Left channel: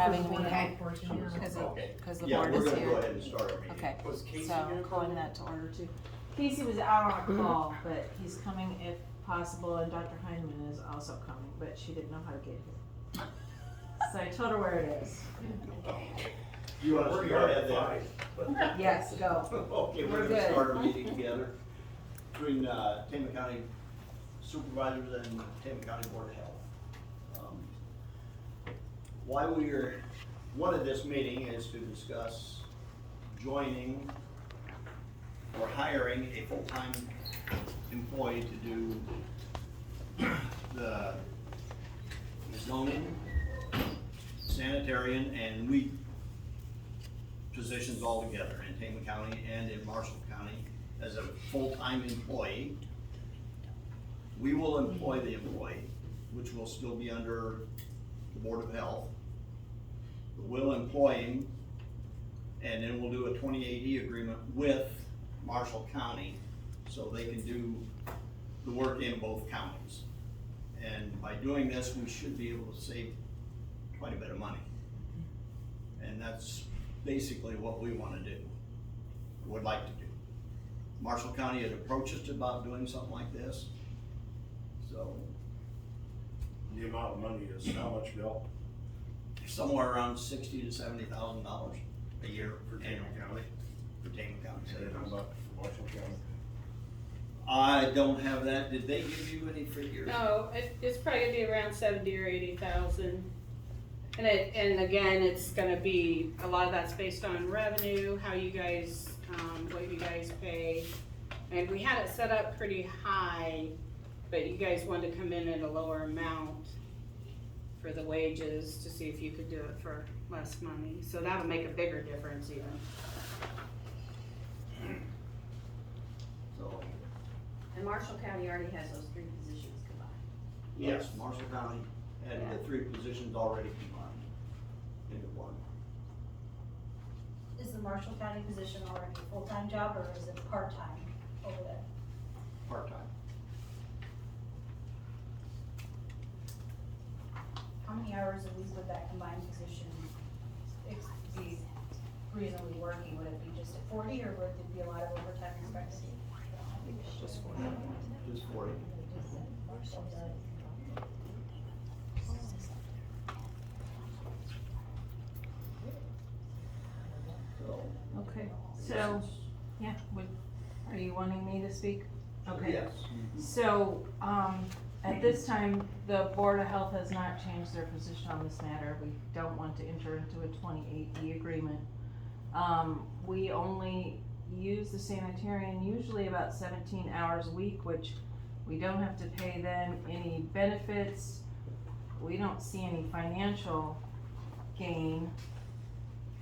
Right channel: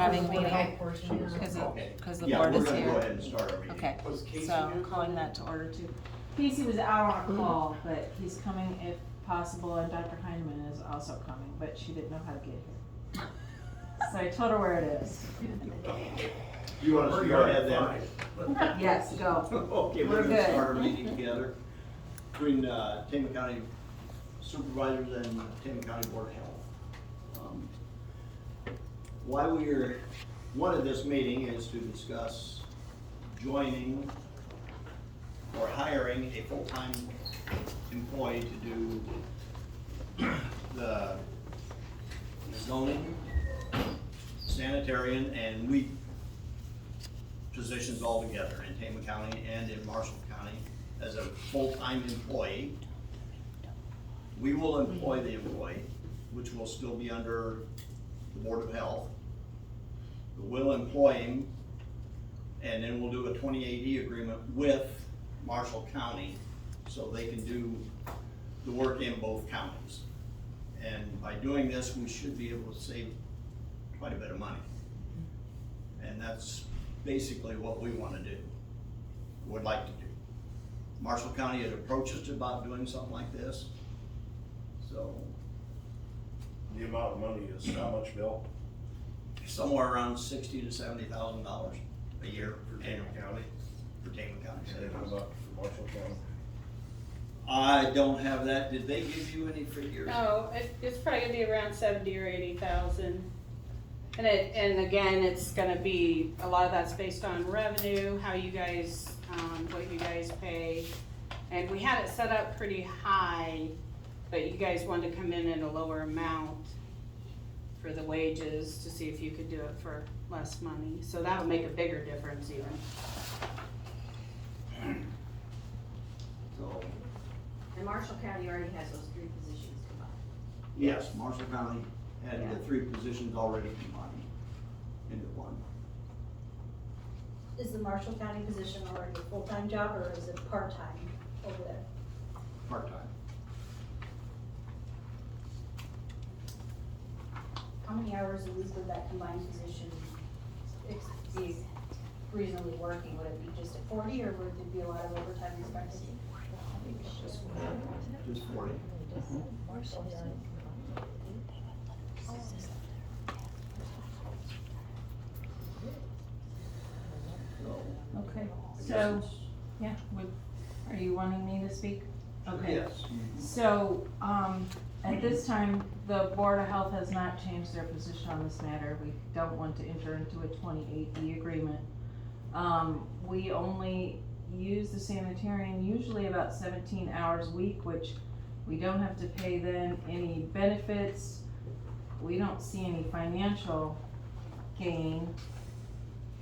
having a meeting, Okay. cause the Yeah, board is we're gonna go here. ahead and start our meeting. Okay, Was Casey so gonna I'm calling come? that to order too. Casey was out on a call, but he's coming if possible, and Dr. Heineman is also coming, but she didn't know how to get here. So I told her where it is. You want us to go ahead then? Yes, go. Okay, We're we're gonna good. start our meeting together between, Tama County Supervisors and Tama County Board of Health. Why wanted this meeting is to discuss joining or hiring a full-time employee to do the zoning, sanitarian, and weed positions all together in Tama County and in Marshall County as a full-time employee. We will employ the employee, which will still be under the Board of Health. We'll employ him, and then we'll do a 2080 agreement with Marshall County so they can do the work in both counties. And by doing this, we should be able to save quite a bit of money. And that's basically what we want to do, would like to do. Marshall County had approached us about doing something like this, so The amount of money is how much, Bill? somewhere around $60,000 to $70,000 a year For Tama County? for Tama County. And how about for Marshall County? I don't have that. Did they give you any figures? No, it's probably gonna be around 70 or 80,000. And again, it's gonna be, a lot of that's based on revenue, how you guys, what you guys pay. And we had it set up pretty high, but you guys wanted to come in at a lower amount for the wages to see if you could do it for less money. So that'll make a bigger difference even. So, And Marshall County already has those 3 positions combined. yes, Marshall County had the 3 positions already combined into one. Is the Marshall County position already a full-time job, or is it part-time over there? Part-time. How many hours a week would that combined position be reasonably working? Would it be just at 40, or would there be a lot of overtime expected? Just 40. So, Okay, I so, guess it's- yeah, are you wanting me to speak? Okay. Yes. So, at this time, the Board of Health has not changed their position on this matter. We don't want to enter into a 28D agreement. We only use the sanitarian usually about 17 hours a week, which we don't have to pay then any benefits. We don't see any financial gain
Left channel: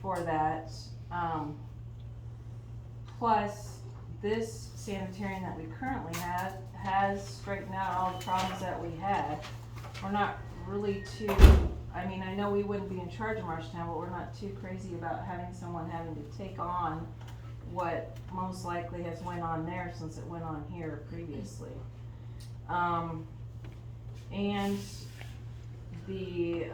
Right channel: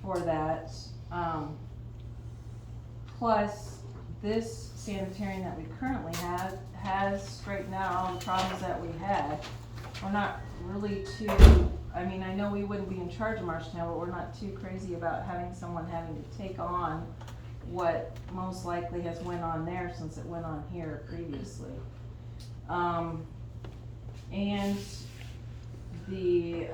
for that. Plus, this sanitarian that we currently have has straightened out all the problems that we had. We're not really too, I mean, I know we wouldn't be in charge of Marshalltown, but we're not too crazy about having someone having to take on what most likely has went on there since it went on here previously. And the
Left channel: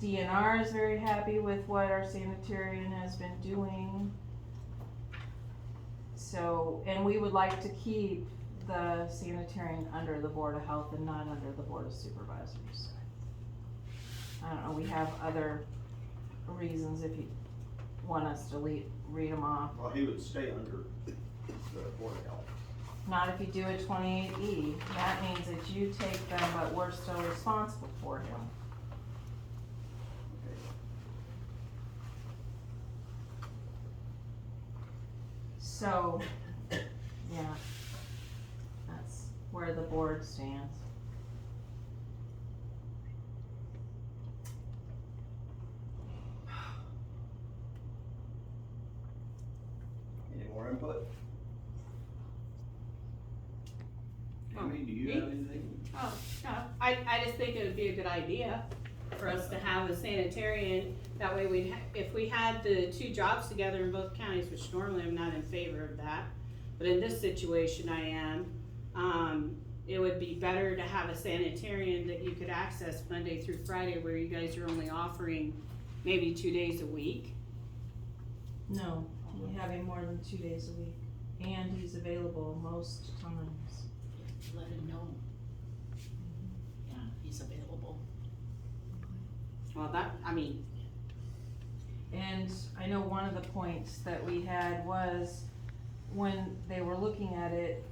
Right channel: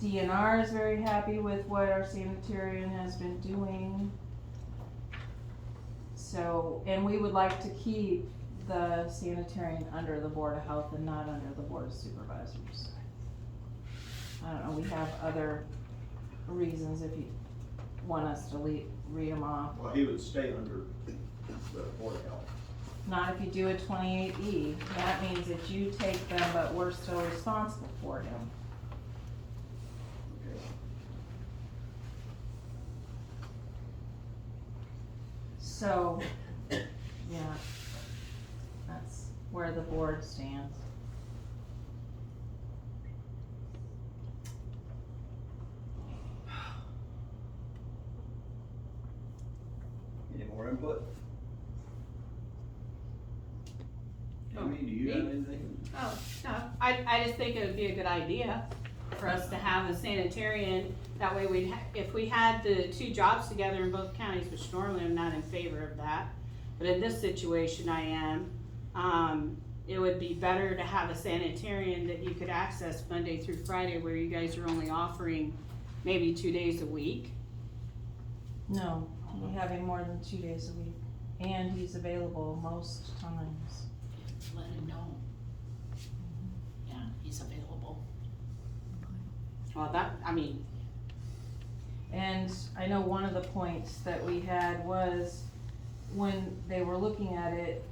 DNR is very happy with what our sanitarian has been doing. So, and we would like to keep the sanitarian under the Board of Health and not under the Board of Supervisors. I don't know, we have other reasons if you want us to read them off. Well, he would stay under the Board of Health. Not if you do a 28E, that means that you take them, but we're still responsible for him. So, yeah, that's where the board stands. Any more input? Amy, do you have anything? Oh, no, I just think it would be a good idea for us to have a sanitarian. That way we'd, if we had the 2 jobs together in both counties, which normally I'm not in favor of that, but in this situation I am, it would be better to have a sanitarian that you could access Monday through Friday, where you guys are only offering maybe 2 days a week. No, we have him more than 2 days a week, and he's available most times. Let him know. Yeah, he's available. Well, that, I mean, And I know one of the points that we had was, when they were looking at it,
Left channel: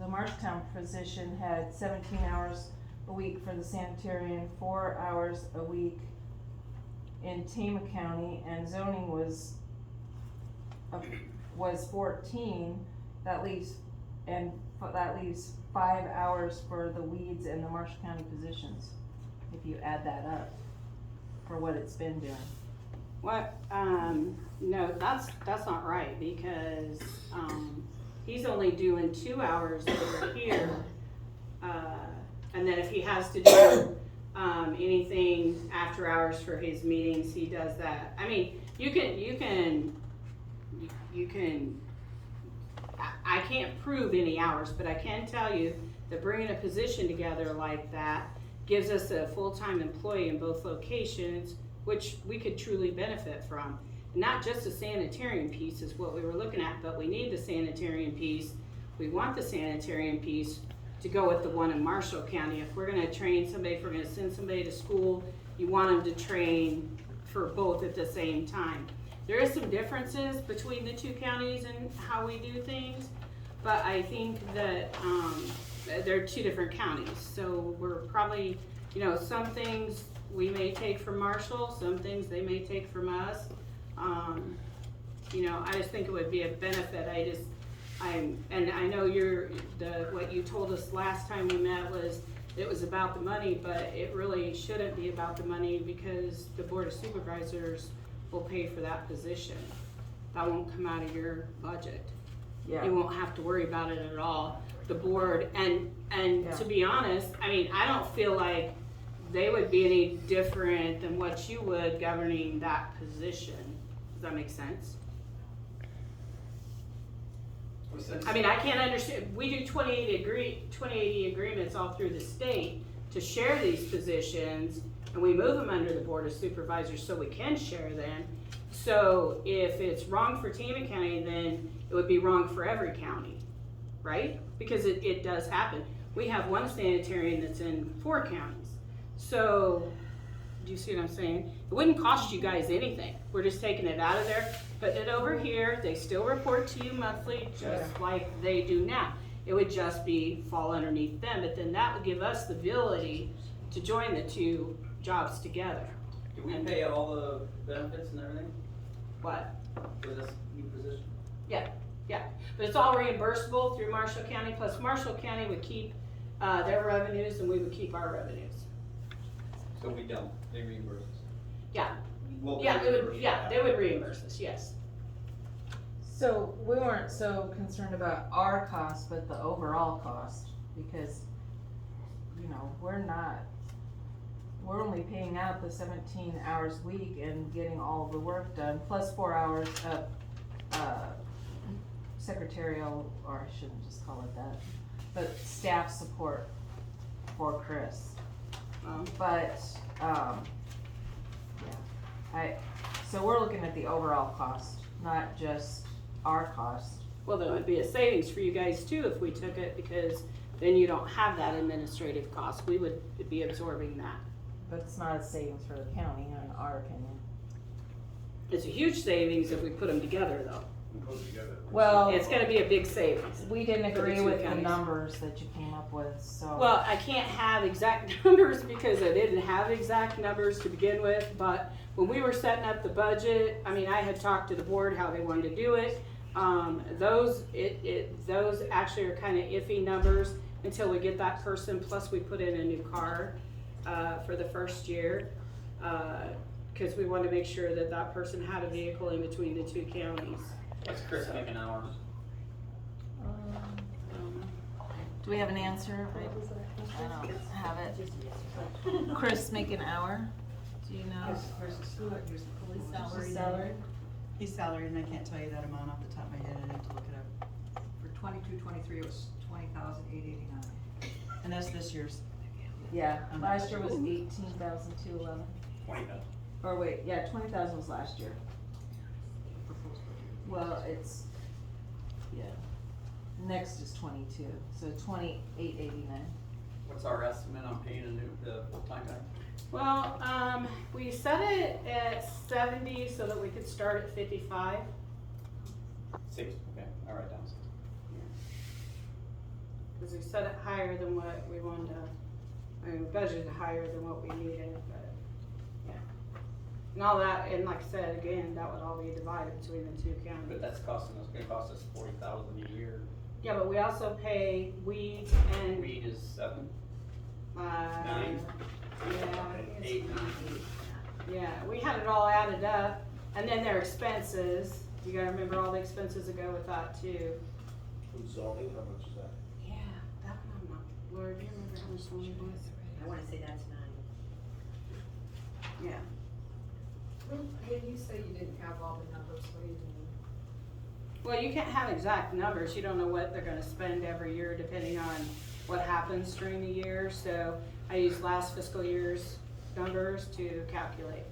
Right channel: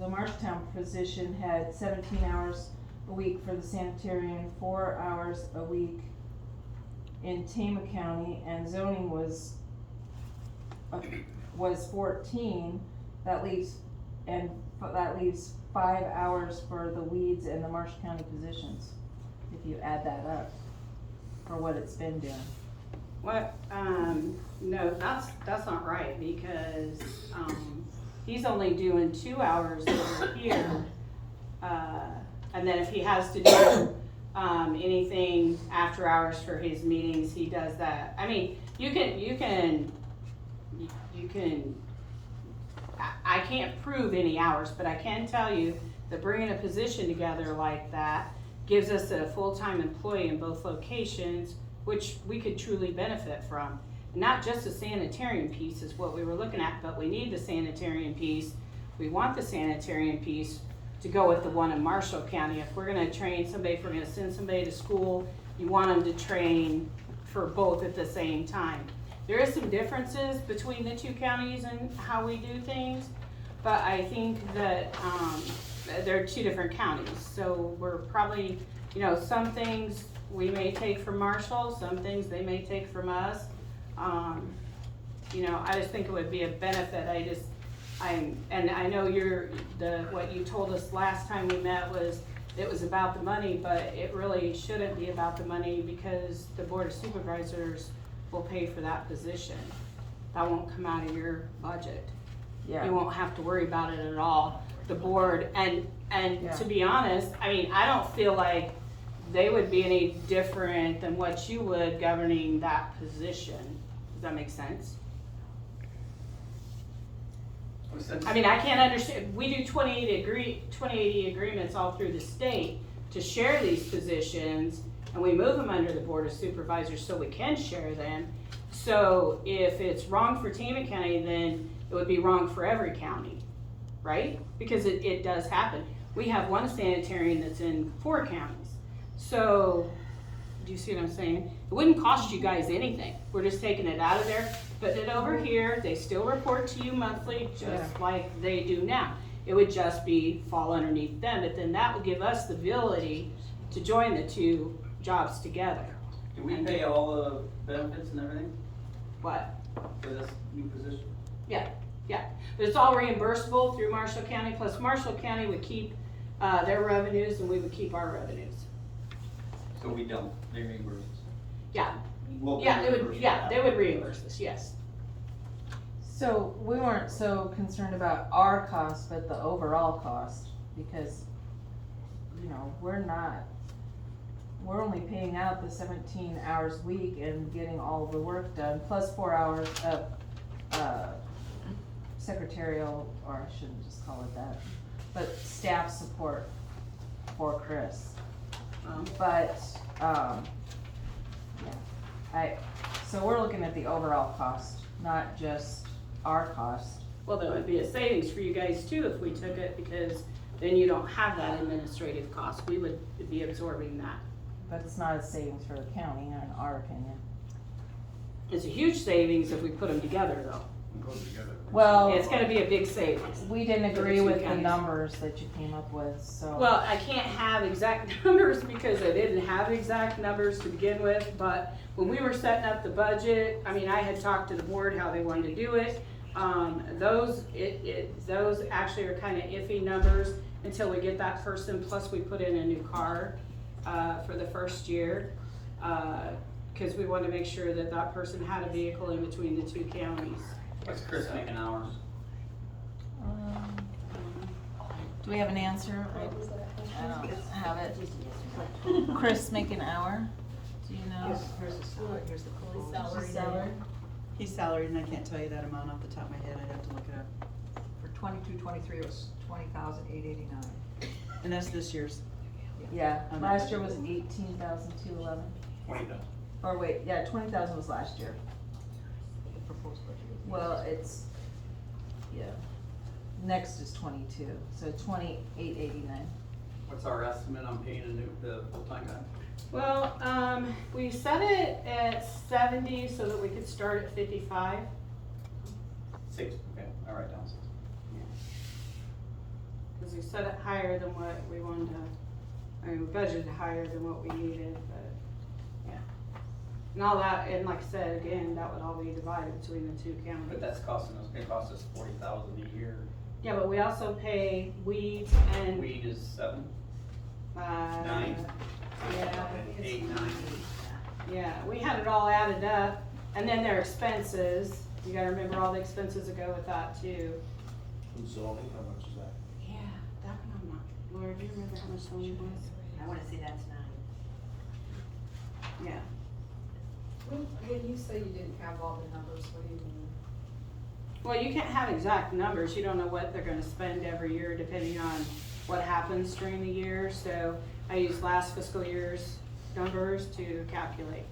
the Marshalltown position had 17 hours a week for the sanitarian, 4 hours a week in Tama County, and zoning was 14. That leaves 5 hours for the weeds and the Marshall County positions, if you add that up, for what it's been doing. what, no, that's not right, because, he's only doing 2 hours over here. And then if he has to do, anything after hours for his meetings, he does that. I mean, you can, I can't prove any hours, but I can tell you that bringing a position together like that gives us a full-time employee in both locations, which we could truly benefit from. Not just the sanitarian piece is what we were looking at, but we need the sanitarian piece. We want the sanitarian piece to go with the one in Marshall County. If we're gonna train somebody, if we're gonna send somebody to school, you want them to train for both at the same time. There is some differences between the two counties and how we do things, but I think that, they're two different counties. So we're probably, some things we may take from Marshall, some things they may take from us. I just think it would be a benefit. And I know what you told us last time we met was, it was about the money, but it really shouldn't be about the money, because the Board of Supervisors will pay for that position. That won't come out of your budget. Yeah. You won't have to worry about it at all. The board, and Yeah. to be honest, I mean, I don't feel like they would be any different than what you would governing that position. Does that make sense? I mean, I can't understand, we do 2080 agreements all through the state to share these positions, and we move them under the Board of Supervisors so we can share them. So if it's wrong for Tama County, then it would be wrong for every county, right? Because it does happen. We have one sanitarian that's in 4 counties. So, do you see what I'm saying? It wouldn't cost you guys anything. We're just taking it out of there, putting it over here. They still report to you monthly, just like they do now. It would just fall underneath them, but then that would give us the ability to join the two jobs together. Do we pay all the benefits and everything What? for this new position? But it's all reimbursable through Marshall County, plus Marshall County would keep, their revenues and we would keep our revenues. So we don't, they reimburse us? We'll Yeah, reimburse they would reimburse us, yes. So we weren't so concerned about our cost, but the overall cost, because, we're only paying out the 17 hours a week and getting all of the work done, plus 4 hours of, secretarial, or I shouldn't just call it that, but staff support for Chris. But, so we're looking at the overall cost, not just our cost. Well, that would be a savings for you guys too if we took it, because then you don't have that administrative cost. We would be absorbing that. But it's not a savings for the county, in our opinion. It's a huge savings if we put them together though. Well, It's gonna be a big savings. we didn't for the agree two with the counties. numbers that you came up with, so. Well, I can't have exact numbers because I didn't have exact numbers to begin with, but when we were setting up the budget, I mean, I had talked to the board how they wanted to do it. Those actually are kinda iffy numbers until we get that person, plus we put in a new car, for the first year. Cause we wanted to make sure that that person had a vehicle in between the two counties. What's Chris making hours? Do we have an answer? I don't have it. Chris make an hour? Do you know? Here's the quote. His salary? He's salaried, and I can't tell you that amount off the top of my head, I'd have to look it up. For 22, 23, it was 20,889. And that's this year's. Yeah, last year was 18,211. 20,000. Or wait, yeah, 20,000 was last year. Proposed budget. Well, it's, yeah. Next is 22, so 2889. What's our estimate on paying the full-time guy? Well, we set it at 70 so that we could start at 55. 6, okay, I'll write down 6. Cause we set it higher than what we wanted to, I mean, we budgeted higher than what we needed, but, yeah. And all that, and like I said, again, that would all be divided between the two counties. But that's gonna cost us 40,000 a year. Yeah, but we also pay weeds and, Weed is 7, uh, 9, yeah, 8, 9. yeah, we had it all added up, and then their expenses, you gotta remember all the expenses that go with that too. And zoning, how much is that? Yeah, that one, I'm not, Laura, do you remember how much one was? I wanna say that's 9. Yeah. When you say you didn't have all the numbers, what do you mean? Well, you can't have exact numbers, you don't know what they're gonna spend every year depending on what happens during the year, so I use last fiscal year's numbers to calculate.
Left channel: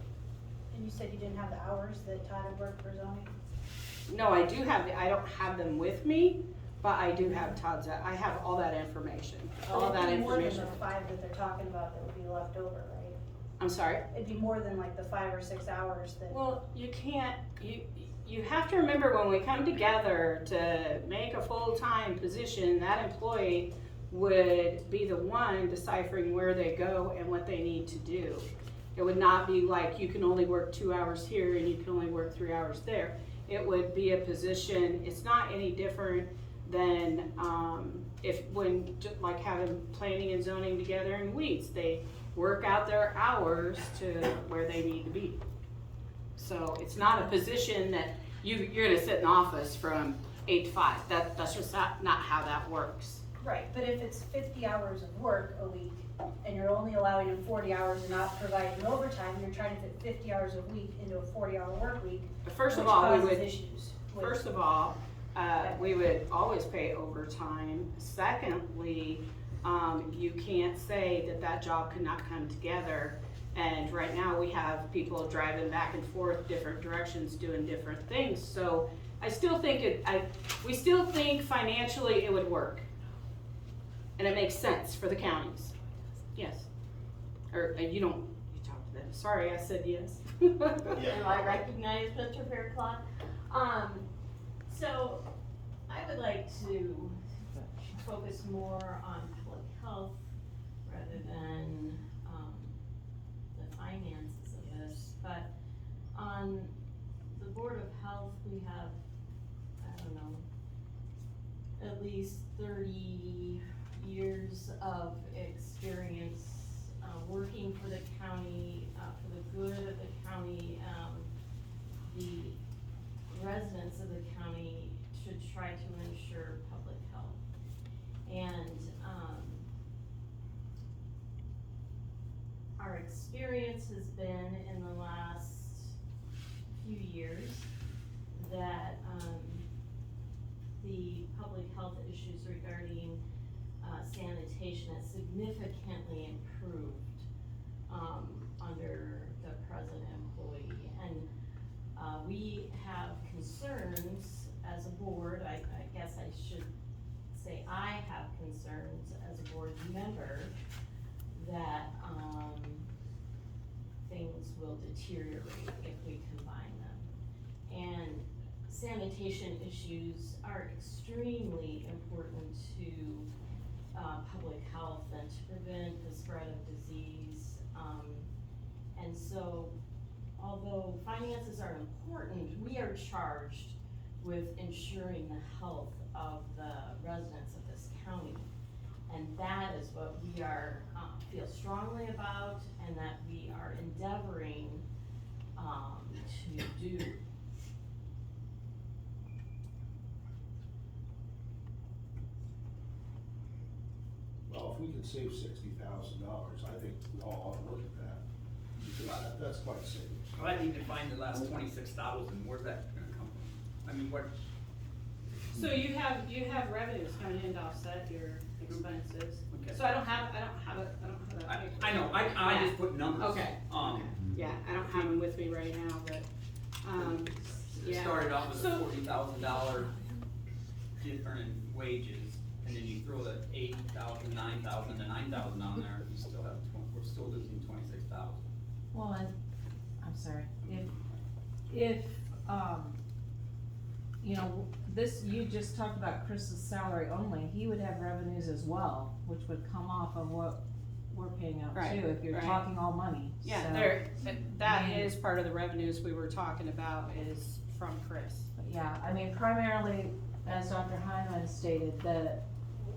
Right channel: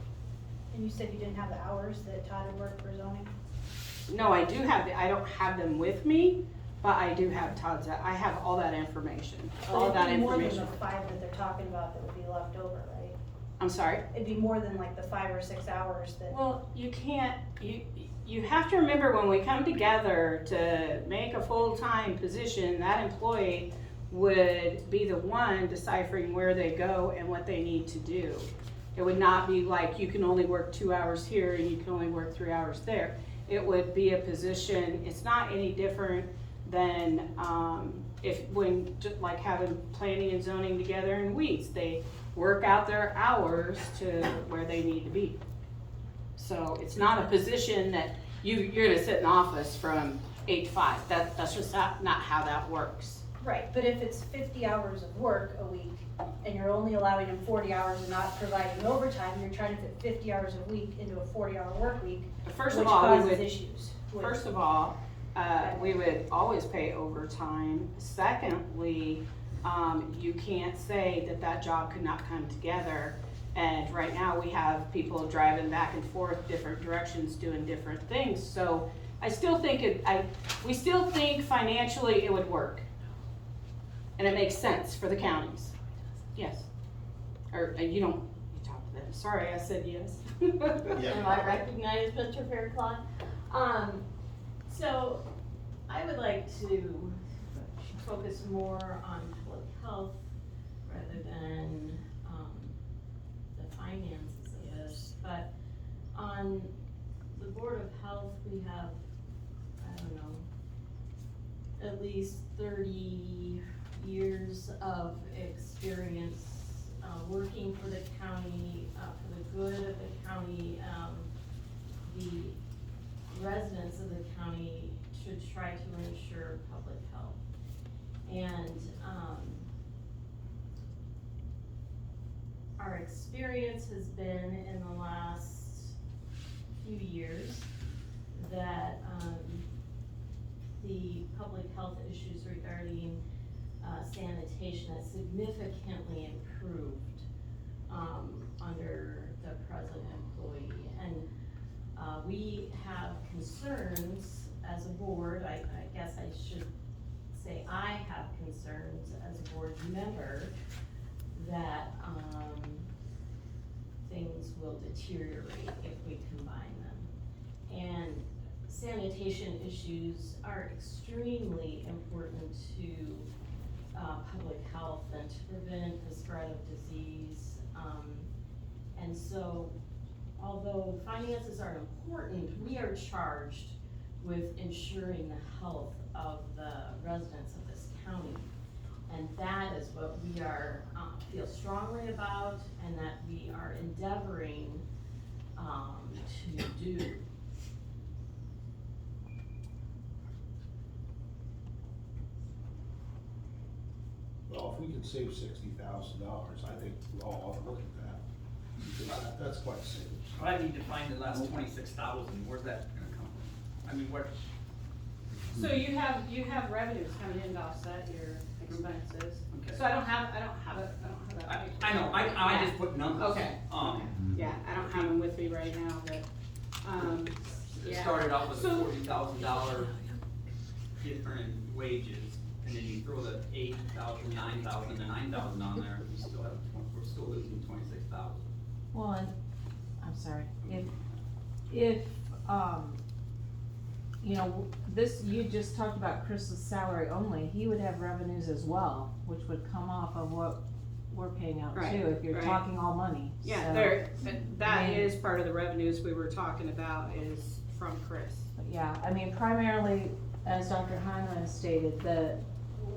And you said you didn't have the hours that Todd had worked for zoning? No, I do have, I don't have them with me, but I do have Todd's, I have all that information, all that It'd be more than information. the 5 that they're talking about that would be left over, right? I'm sorry? It'd be more than like the 5 or 6 hours that. Well, you can't, you have to remember when we come together to make a full-time position, that employee would be the one deciphering where they go and what they need to do. It would not be like you can only work 2 hours here and you can only work 3 hours there. It would be a position, it's not any different than, like having planning and zoning together in weeks. They work out their hours to where they need to be. So it's not a position that you're gonna sit in office from 8 to 5. That's just not how that works. Right, but if it's 50 hours of work a week, and you're only allowing them 40 hours and not providing overtime, you're trying to fit 50 hours a week into a 40-hour work week, But first which of all, we causes would, issues. with- first of all, we would always pay overtime. Secondly, you can't say that job could not come together. And right now, we have people driving back and forth different directions, doing different things. So I still think we still think financially it would work. And it makes sense for the counties. Yes. Or you talk to them. Sorry, I said yes. Yeah. Am I recognized, Mr. Fairclough? So I would like to focus more on public health rather than, the finances of this. But on the Board of Health, we have, I don't know, at least 30 years of experience working for the county, for the good of the county. The residents of the county should try to ensure public health. And our experience has been in the last few years that the public health issues regarding sanitation has significantly improved under the present employee. And we have concerns as a board. I guess I should say I have concerns as a board member that things will deteriorate if we combine them. And sanitation issues are extremely important to public health and to prevent the spread of disease. And so, although finances are important, we are charged with ensuring the health of the residents of this county. And that is what we are, feel strongly about and that we are endeavoring to do. Well, if we can save $60,000, I think we all ought to look at that. Because that's quite a savings. I need to find the last 26,000, where's that gonna come from? I mean, what, So you have revenues coming in to offset your expenses. Okay. So I don't have that paper. I know, I just put numbers. Okay. Yeah, I don't have them with me right now, but, It yeah. started out with a So- $40,000 different wages, and then you throw the 8,000, 9,000, and 9,000 on there, you still have, we're still losing 26,000. Well, and, I'm sorry, if, you know, this, you just talked about Chris's salary only, he would have revenues as well, which would come off of what we're paying out Right, too, if you're right. talking all money, Yeah, so- that I mean- is part of the revenues we were talking about is from Chris. But yeah, I mean, primarily, as Dr. Hyman stated,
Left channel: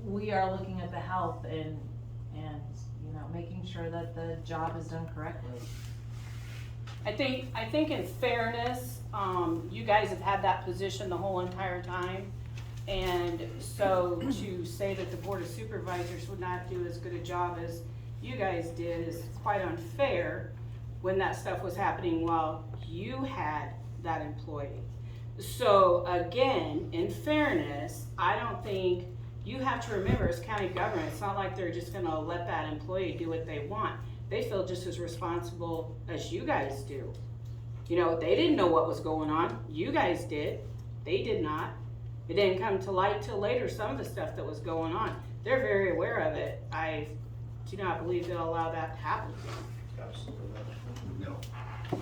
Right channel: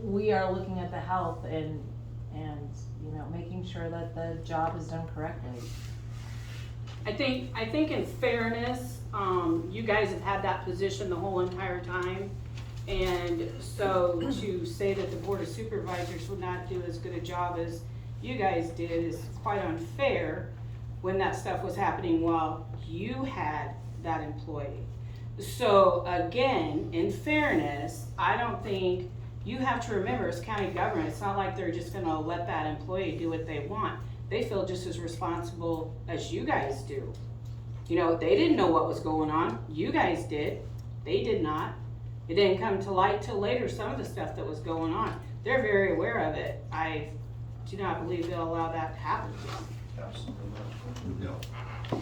we are looking at the health and, you know, making sure that the job is done correctly. I think in fairness, you guys have had that position the whole entire time. And so to say that the Board of Supervisors would not do as good a job as you guys did is quite unfair when that stuff was happening while you had that employee. So again, in fairness, I don't think, you have to remember as county government, it's not like they're just gonna let that employee do what they want. They feel just as responsible as you guys do. You know, they didn't know what was going on, you guys did, they did not. It didn't come to light till later, some of the stuff that was going on. They're very aware of it. I do not believe they'll allow that to happen again. Absolutely. No. I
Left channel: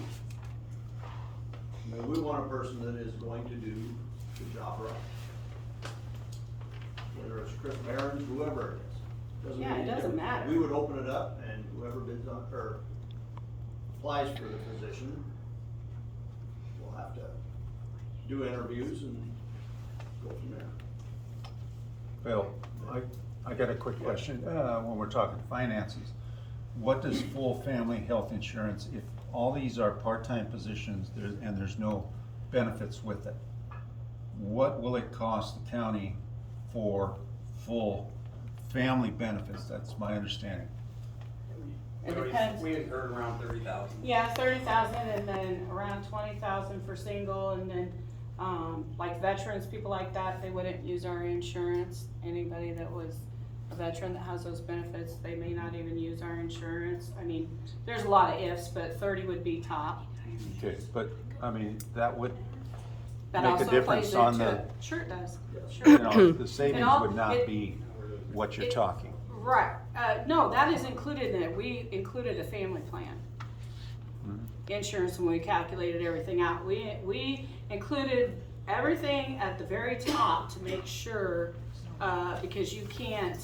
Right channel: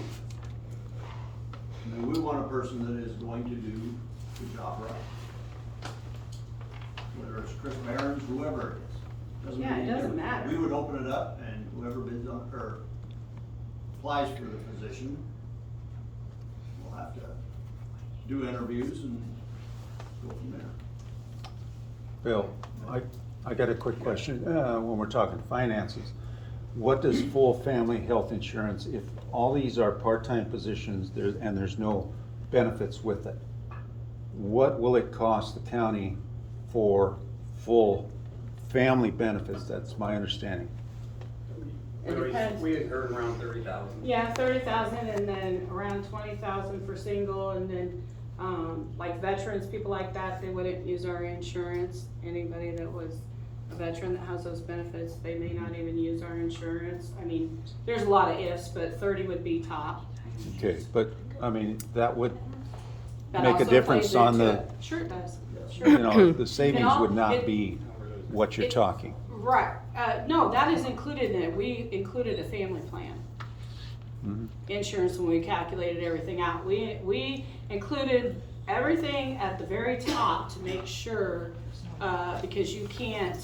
mean, we want a person that is going to do the job right. Whether it's Chris Barron, whoever it is. Doesn't Yeah, make it any doesn't difference. matter. We would open it up and whoever bids on, or applies for the position, will have to do interviews and go from there. Bill, I got a quick question, when we're talking finances. What does full family health insurance, if all these are part-time positions, and there's no benefits with it, what will it cost the county for full family benefits? That's my understanding. It depends. We had heard around 30,000. Yeah, 30,000 and then around 20,000 for single and then, like veterans, people like that, they wouldn't use our insurance. Anybody that was a veteran that has those benefits, they may not even use our insurance. I mean, there's a lot of ifs, but 30 would be top. Okay, but, I mean, that would That make a also difference plays on into the, it. Sure it does, you sure. know, the savings all- would not it- be what you're talking. Right, no, that is included in it. We included a family plan. Mhm. Insurance when we calculated everything out. We included everything at the very top to make sure, because you can't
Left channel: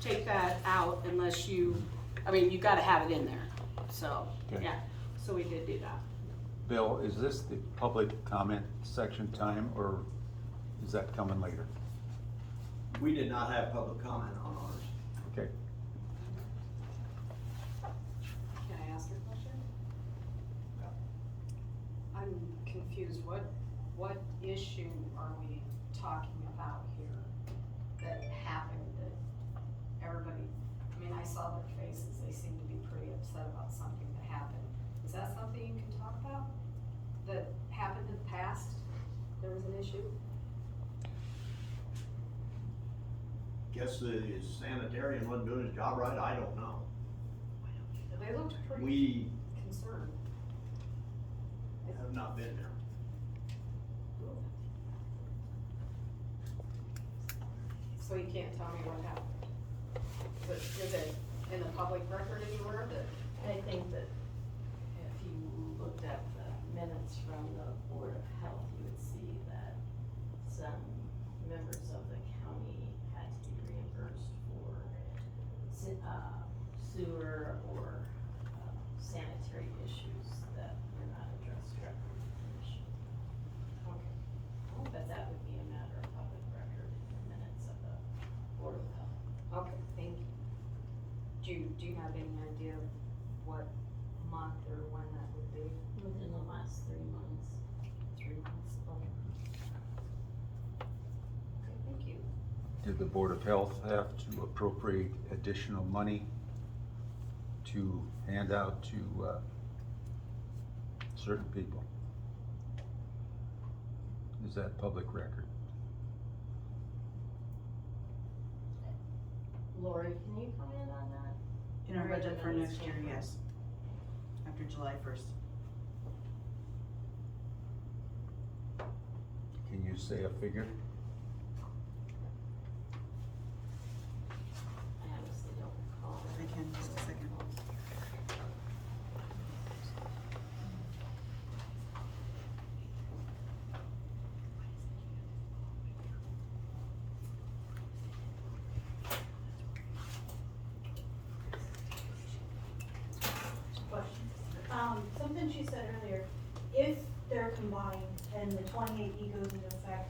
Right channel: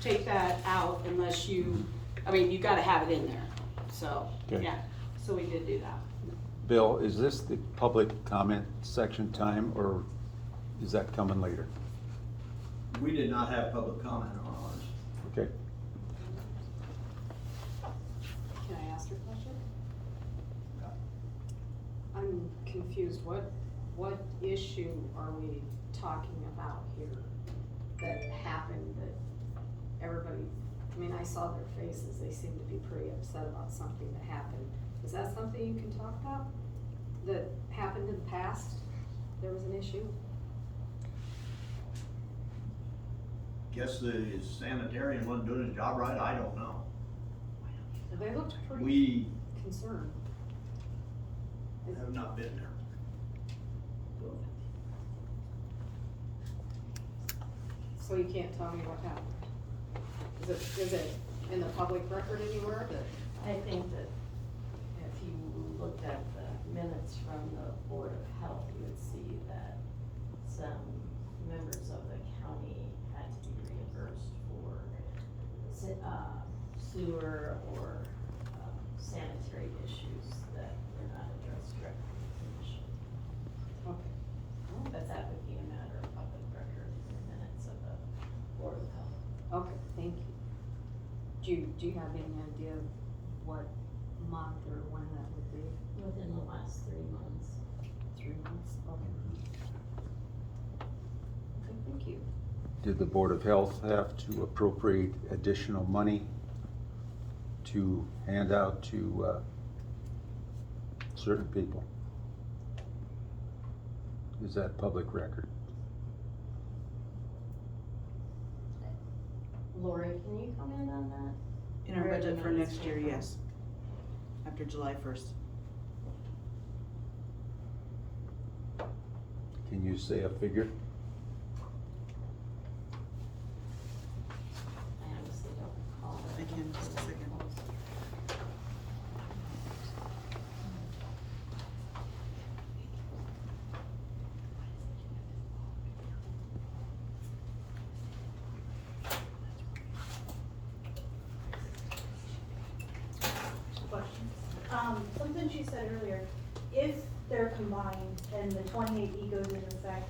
take that out unless you, I mean, you gotta have it in there, so, Okay. yeah, so we did do that. Bill, is this the public comment section time, or is that coming later? We did not have public comment on ours. Okay. Can I ask her a question? I'm confused, what issue are we talking about here that happened that everybody, I mean, I saw their faces, they seemed to be pretty upset about something that happened. Is that something you can talk about, that happened in the past, there was an issue? Guess the sanitarian wasn't doing his job right, I don't know. They looked pretty We concerned. have not been there. So you can't tell me what happened? Is it in the public record anywhere that? I think that if you looked at the minutes from the Board of Health, you would see that some members of the county had to be reimbursed for sewer or sanitary issues that were not addressed directly in the commission. Okay. But that would be a matter of public record in the minutes of the Board of Health. Okay, thank you. Do you have any idea what month or when that would be? Within the last 3 months. 3 months? Okay. Okay, thank you. Did the Board of Health have to appropriate additional money to hand out to, certain people? Is that public record? Lori, can you comment on that? In our Where the budget for monies next came year, from? yes, after July 1st. Can you say a figure? I honestly don't recall. I can, just a second. Something she said earlier, if they're combined and the 28E goes into effect,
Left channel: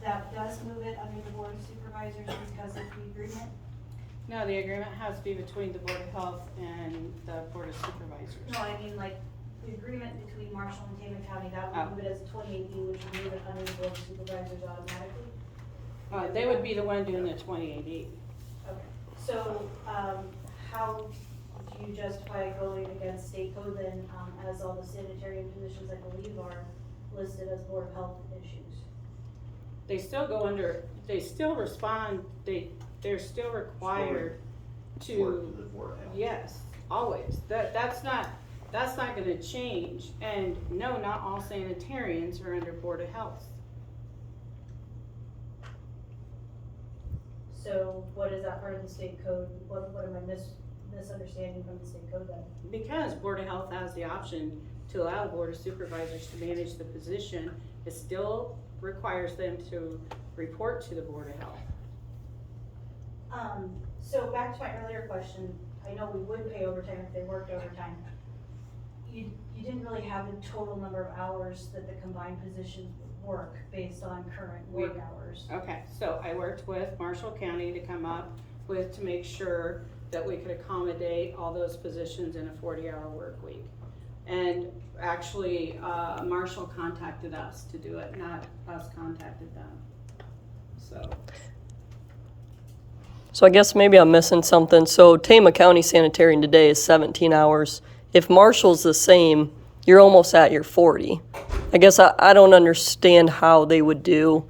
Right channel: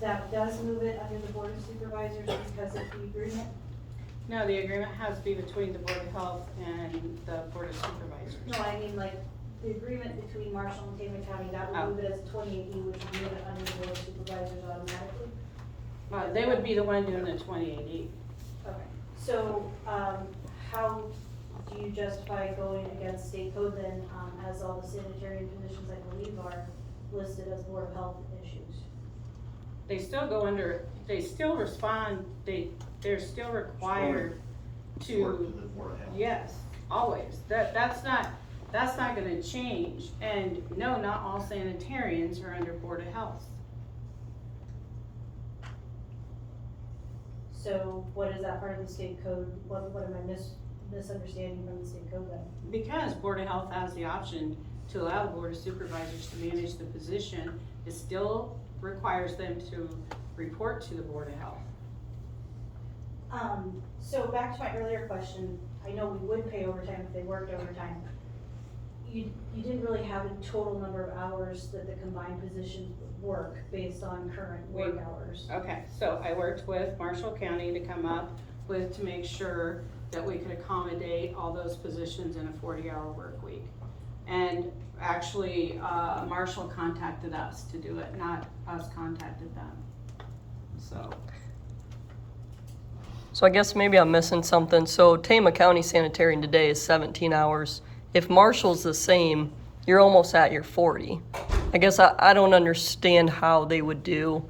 that does move it under the Board of Supervisors because of the agreement? No, the agreement has to be between the Board of Health and the Board of Supervisors. No, I mean like the agreement between Marshall and Tama County, that would move it as 28E, which would move it under the Board of Supervisors automatically? They would be the one doing the 28E. Okay, so, how do you justify going against state code then, as all the sanitary positions I believe are listed as Board of Health issues? They still go under, they still respond, they're still required Report to, to the Board of Health. yes, always. That's not gonna change. And no, not all sanitarians are under Board of Health. So what is that part of the state code? What am I misunderstanding from the state code then? Because Board of Health has the option to allow the Board of Supervisors to manage the position, it still requires them to report to the Board of Health. So back to my earlier question, I know we would pay overtime if they worked overtime. You didn't really have a total number of hours that the combined positions would work based on current work hours. Okay, so I worked with Marshall County to come up with, to make sure that we could accommodate all those positions in a 40-hour work week. And actually, Marshall contacted us to do it, not us contacted them. So I guess maybe I'm missing something. So Tama County Sanitarian today is 17 hours. If Marshall's the same, you're almost at your 40. I guess I don't understand how they would do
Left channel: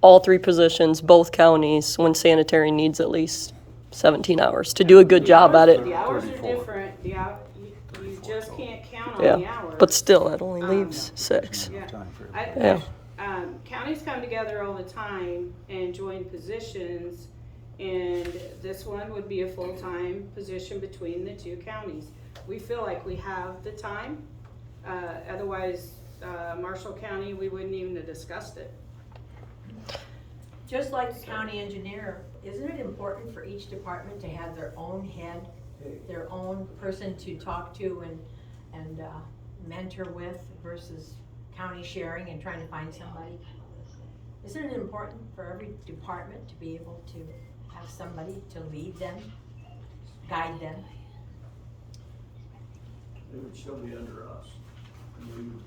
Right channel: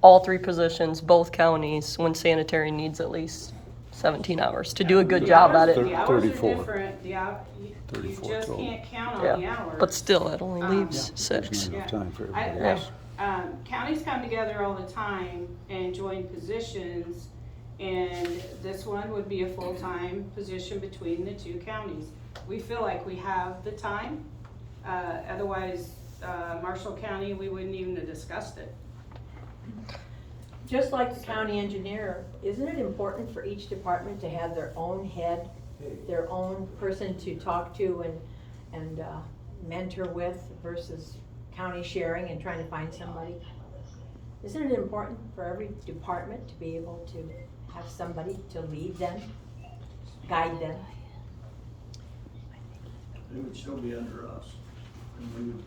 all three positions, both counties, when sanitarian needs at least 17 hours to do a good job at it. The hours are 34. different, you just total. can't count on the Yeah, hours. but still, that only leaves 6. Yeah. Time for I- everybody Yeah. else. Counties come together all the time and join positions, and this one would be a full-time position between the two counties. We feel like we have the time, otherwise, Marshall County, we wouldn't even have discussed it. Just like the county engineer, isn't it important for each department to have their own head, their own person to talk to and mentor with versus county sharing and trying to find somebody? Isn't it important for every department to be able to have somebody to lead them, guide them? It would still be under us. And we would,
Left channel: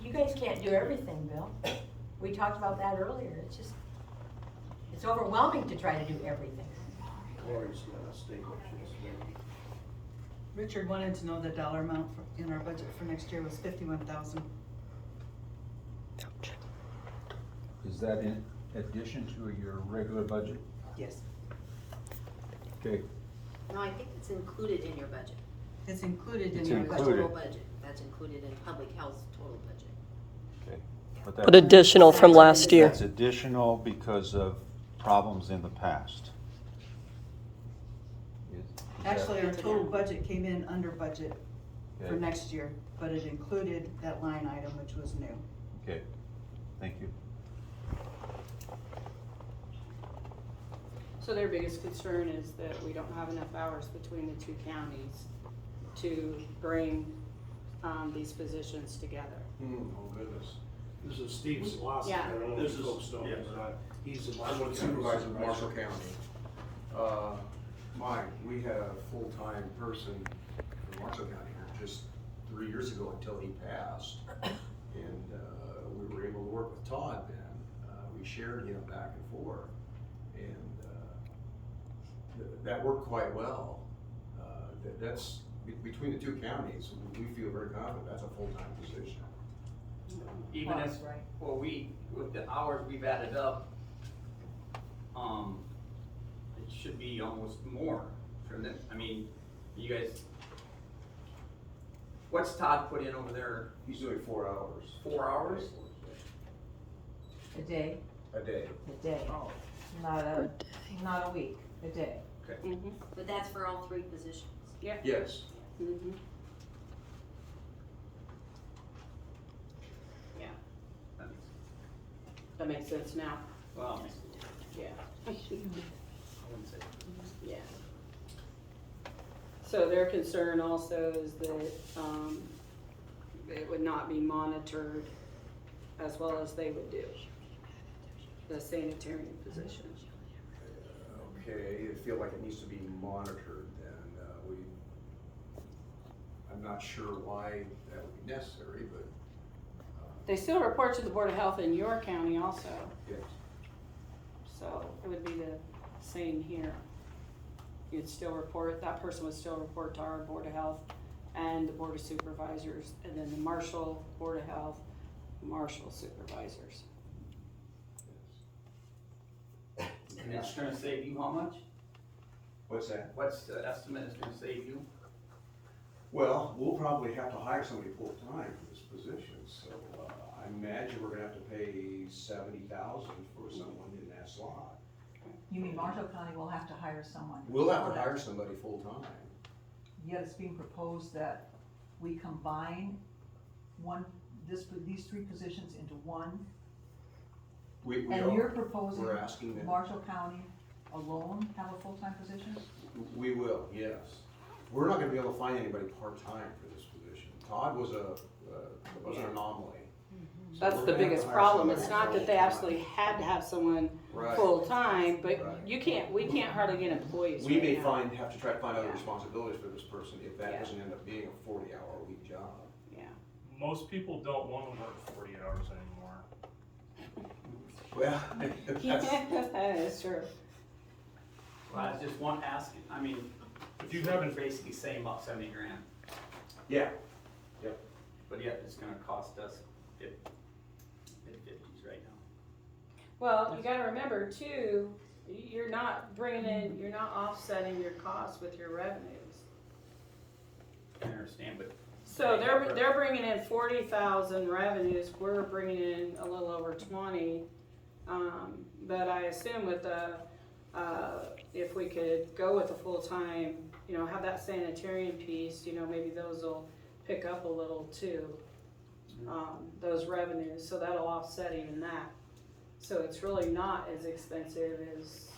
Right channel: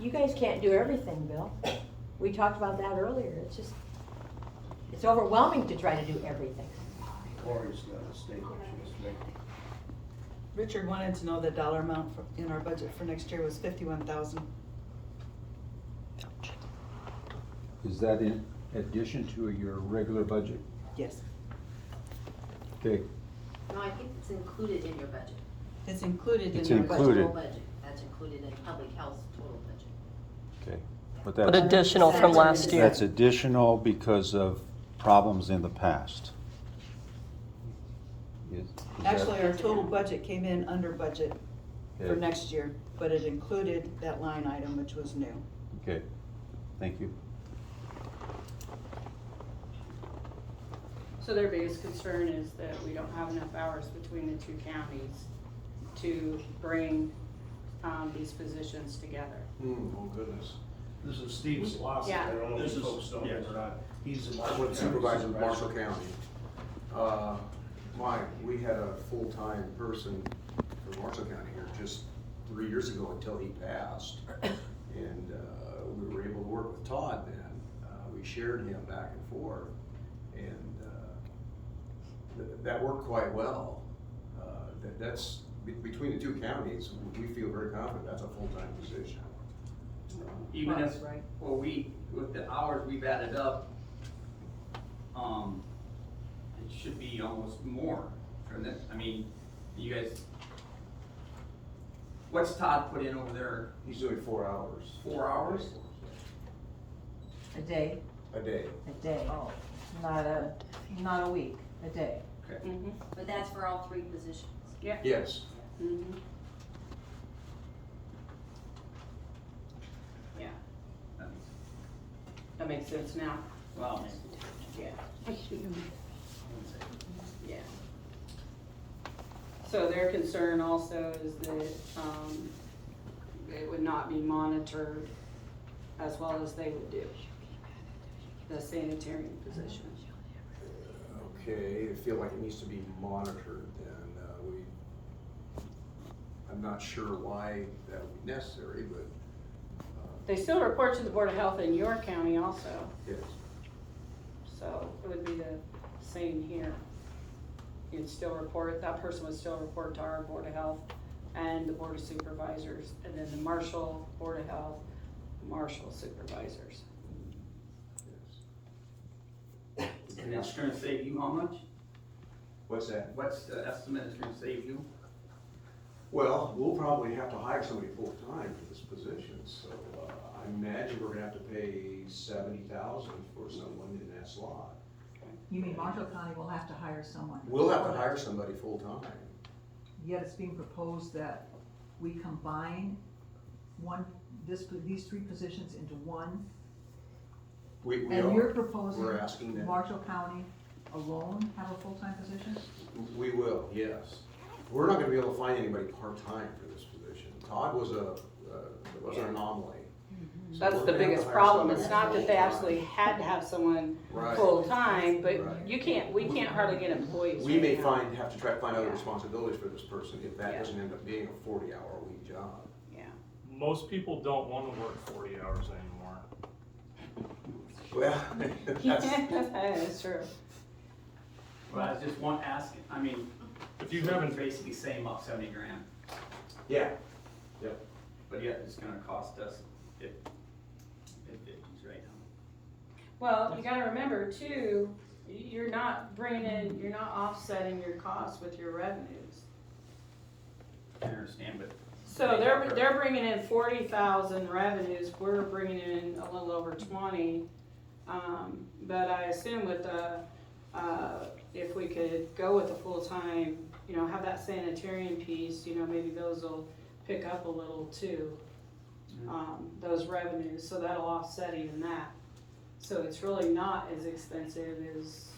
You guys can't do everything, Bill. We talked about that earlier. It's overwhelming to try to do everything. Lori's not a state, she's state. Richard wanted to know the dollar amount in our budget for next year was $51,000. Is that in addition to your regular budget? Yes, Okay, No, I think it's included in your budget. it's included It's in your included. budget. Total budget, that's included in public health's total budget. okay. But that's- additional from last year. That's additional because of problems in the past. Is that- Actually, our total budget came in under budget Yeah. for next year, but it included that line item, which was new. Okay, thank you. So their biggest concern is that we don't have enough hours between the two counties to bring, these positions together. Oh goodness. This is Steve Slosson, Yeah. I don't know if This you is- folks know him yes. or not. He's the I Marshall would County supervise in Supervisor. Marshall County. Mike, we had a full-time person from Marshall County here just 3 years ago until he passed. And, we were able to work with Todd then. We shared him back and forth. And, that worked quite well. That's, between the two counties, we feel very confident that's a full-time position. Even Well, if, that's right. with the hours we've added up, it should be almost more, shouldn't it? I mean, you guys, what's Todd put in over there? He's doing 4 hours. 4 hours? A day, A day. a day, not a week, a day. Mhm. But that's for all 3 positions. Yes. Mhm. Yeah, that makes sense now. Well, Yeah. I wouldn't say. Yeah. So their concern also is that, it would not be monitored as well as they would do, the sanitarian position. Okay, I feel like it needs to be monitored, and, I'm not sure why that would be necessary, but, They still report to the Board of Health in your county also, yes. so it would be the same here. You'd still report, that person would still report to our Board of Health and the Board of Supervisors, and then the Marshall Board of Health, Marshall Supervisors. And it's gonna save you how much? What's that? What's the estimate it's gonna save you? Well, we'll probably have to hire somebody full-time for this position, so, I imagine we're gonna have to pay 70,000 for someone in that slot. You mean Marshall County will have to hire someone? We'll have to hire somebody full-time. Yet it's being proposed that we combine these 3 positions into one. We And are. you're proposing We're asking that. Marshall County alone have a full-time position? We will, yes. We're not gonna be able to find anybody part-time for this position. Todd was an anomaly. So That's we're the gonna have biggest to hire problem, somebody it's not that they full-time. absolutely had to have someone Right. full-time, but Right. we can't hardly get employees. We may right now. have to try to find other Yeah. responsibilities for this person if that Yeah. doesn't end up being a 40-hour-a-week job. Yeah. Most people don't wanna work 40 hours anymore. Well, That is true. Well, I was just asking, I mean, If you haven't, basically saying about 70 grand, yeah, but yet it's gonna cost us mid-50s right now. Well, you gotta remember too, you're not offsetting your costs with your revenues. I understand, but. So they're bringing in 40,000 revenues, we're bringing in a little over 20. But I assume with if we could go with a full-time, have that sanitarian piece, maybe those will pick up a little too. Those revenues, so that'll offset even that. So it's really not as expensive as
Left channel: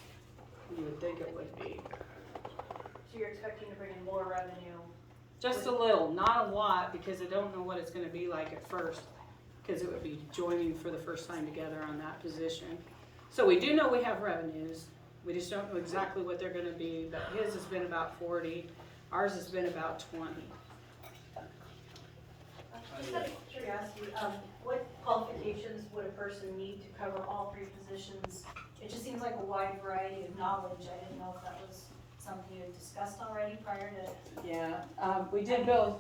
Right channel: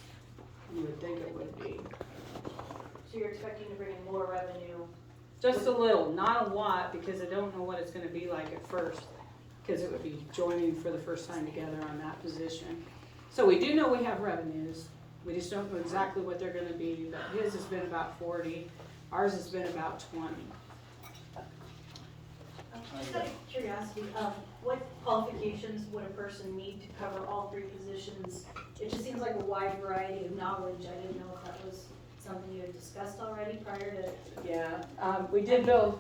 you would think it would be. So you're expecting to bring in more revenue? Just a little, not a lot, because I don't know what it's gonna be like at first, because it would be joining for the first time together on that position. So we do know we have revenues, we just don't know exactly what they're gonna be, but his has been about 40, ours has been about 20. Just out of curiosity, what qualifications would a person need to cover all 3 positions? It just seems like a wide variety of knowledge. I didn't know if that was something you had discussed already prior to. Yeah, we did build,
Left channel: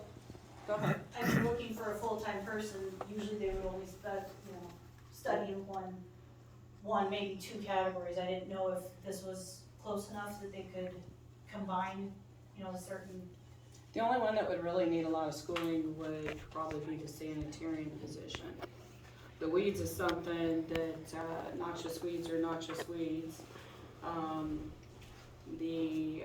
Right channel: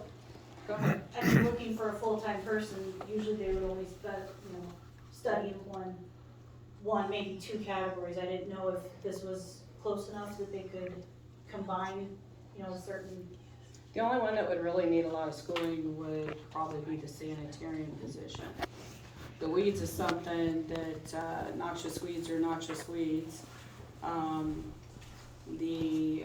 go ahead. I've been looking for a full-time person. Usually they would only study in one, maybe 2 categories. I didn't know if this was close enough that they could combine, certain. The only one that would really need a lot of schooling would probably be the sanitarian position. The weeds is something that, noxious weeds are noxious weeds. The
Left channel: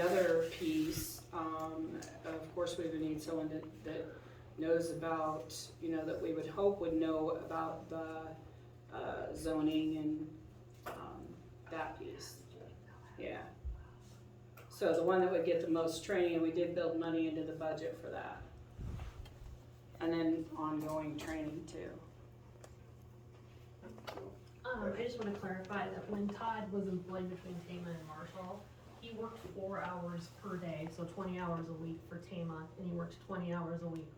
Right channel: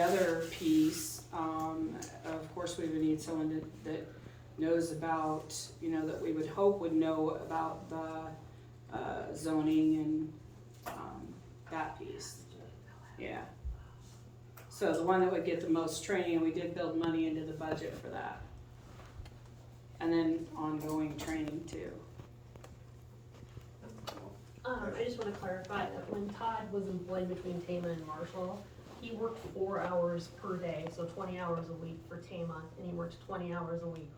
other piece, of course, we would need someone that knows about, that we would hope would know about the zoning and that piece. Yeah. So the one that would get the most training, and we did build money into the budget for that. And then ongoing training too. I just wanna clarify that when Todd was employed between Tama and Marshall, he worked 4 hours per day, so 20 hours a week for Tama, and he worked 20 hours a week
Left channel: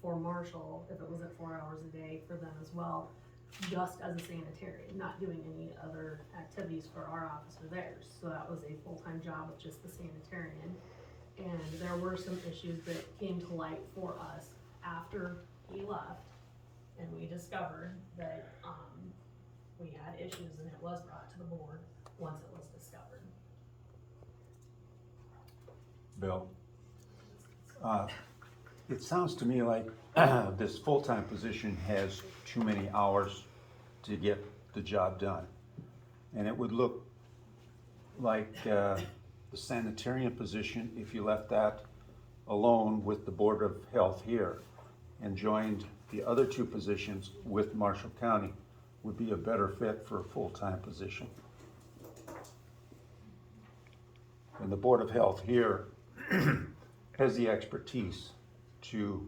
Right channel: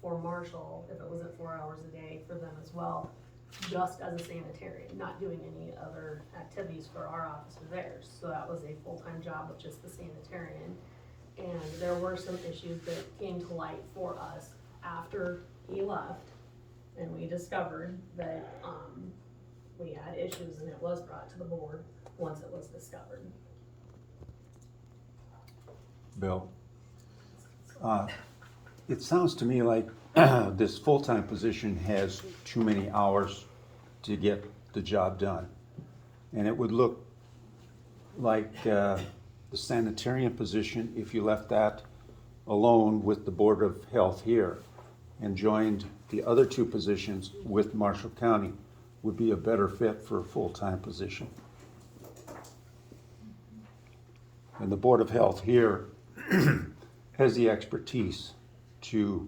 for Marshall, if it wasn't 4 hours a day for them as well, just as a sanitarian, not doing any other activities for our office or theirs. So that was a full-time job with just the sanitarian. And there were some issues that came to light for us after he left, and we discovered that, we had issues, and it was brought to the board. once it was discovered. Bill, it sounds to me like this full-time position has too many hours to get the job done. And it would look like the sanitarian position, if you left that alone with the Board of Health here and joined the other two positions with Marshall County, would be a better fit for a full-time position. And the Board of Health here has the expertise to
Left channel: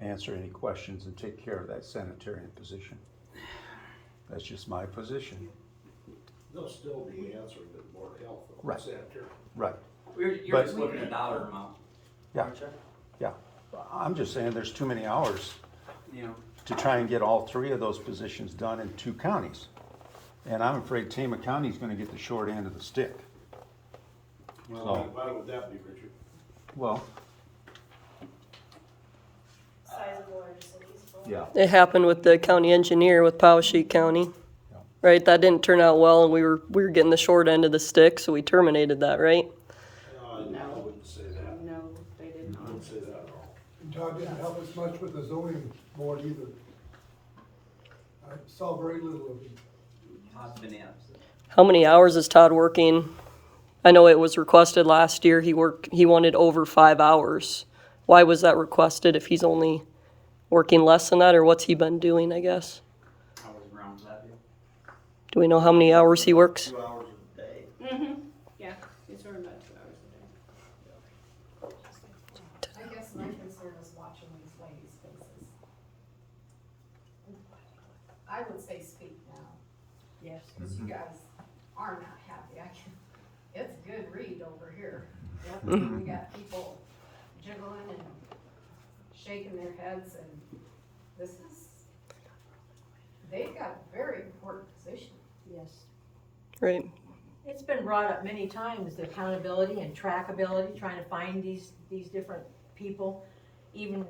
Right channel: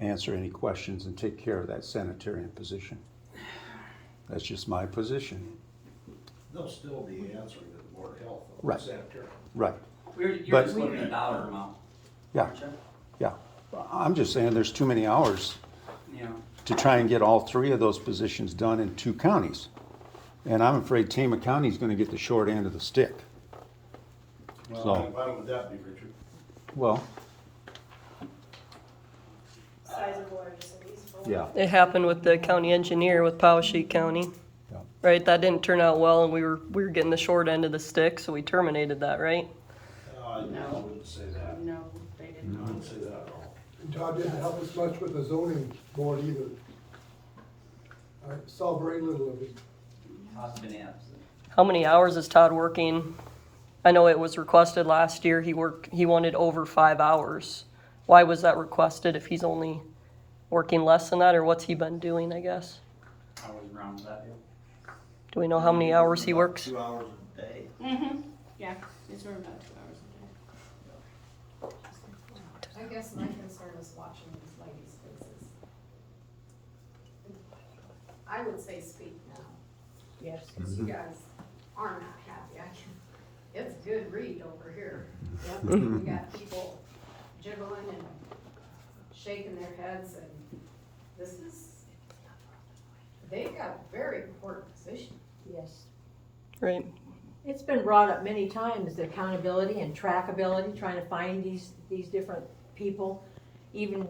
answer any questions and take care of that sanitarian position. That's just my position. They'll still be answering to the Board of Health, though, Right. sanitary. Right, You're But- just looking at dollar amount. yeah, aren't you? yeah. I'm just saying there's too many hours You know, to try and get all three of those positions done in two counties. And I'm afraid Tama County is gonna get the short end of the stick. Well, So- why would that be, Richard? Well, Size of large cities. yeah, It happened with the county engineer with Powesheik County. Yeah. Right, that didn't turn out well, and we were getting the short end of the stick, so we terminated that, right? I wouldn't say that. No, they didn't. I wouldn't say that at all. And Todd didn't help us much with the zoning board either. I saw very little of it. Todd's been absent. How many hours is Todd working? I know it was requested last year, he wanted over 5 hours. Why was that requested if he's only working less than that, or what's he been doing, I guess? I was around with that deal. Do we know how many hours he works? 2 hours a day. Yeah, it's sort of about 2 hours a day. I guess my concern is watching these ladies' faces. I would say speak now. Yes, because you guys are not happy. It's a good read over here. Yep, we got people jiggling and shaking their heads, and they've got a very important position. Yes. Right, It's been brought up many times, the accountability and trackability, trying to find these different people. Even,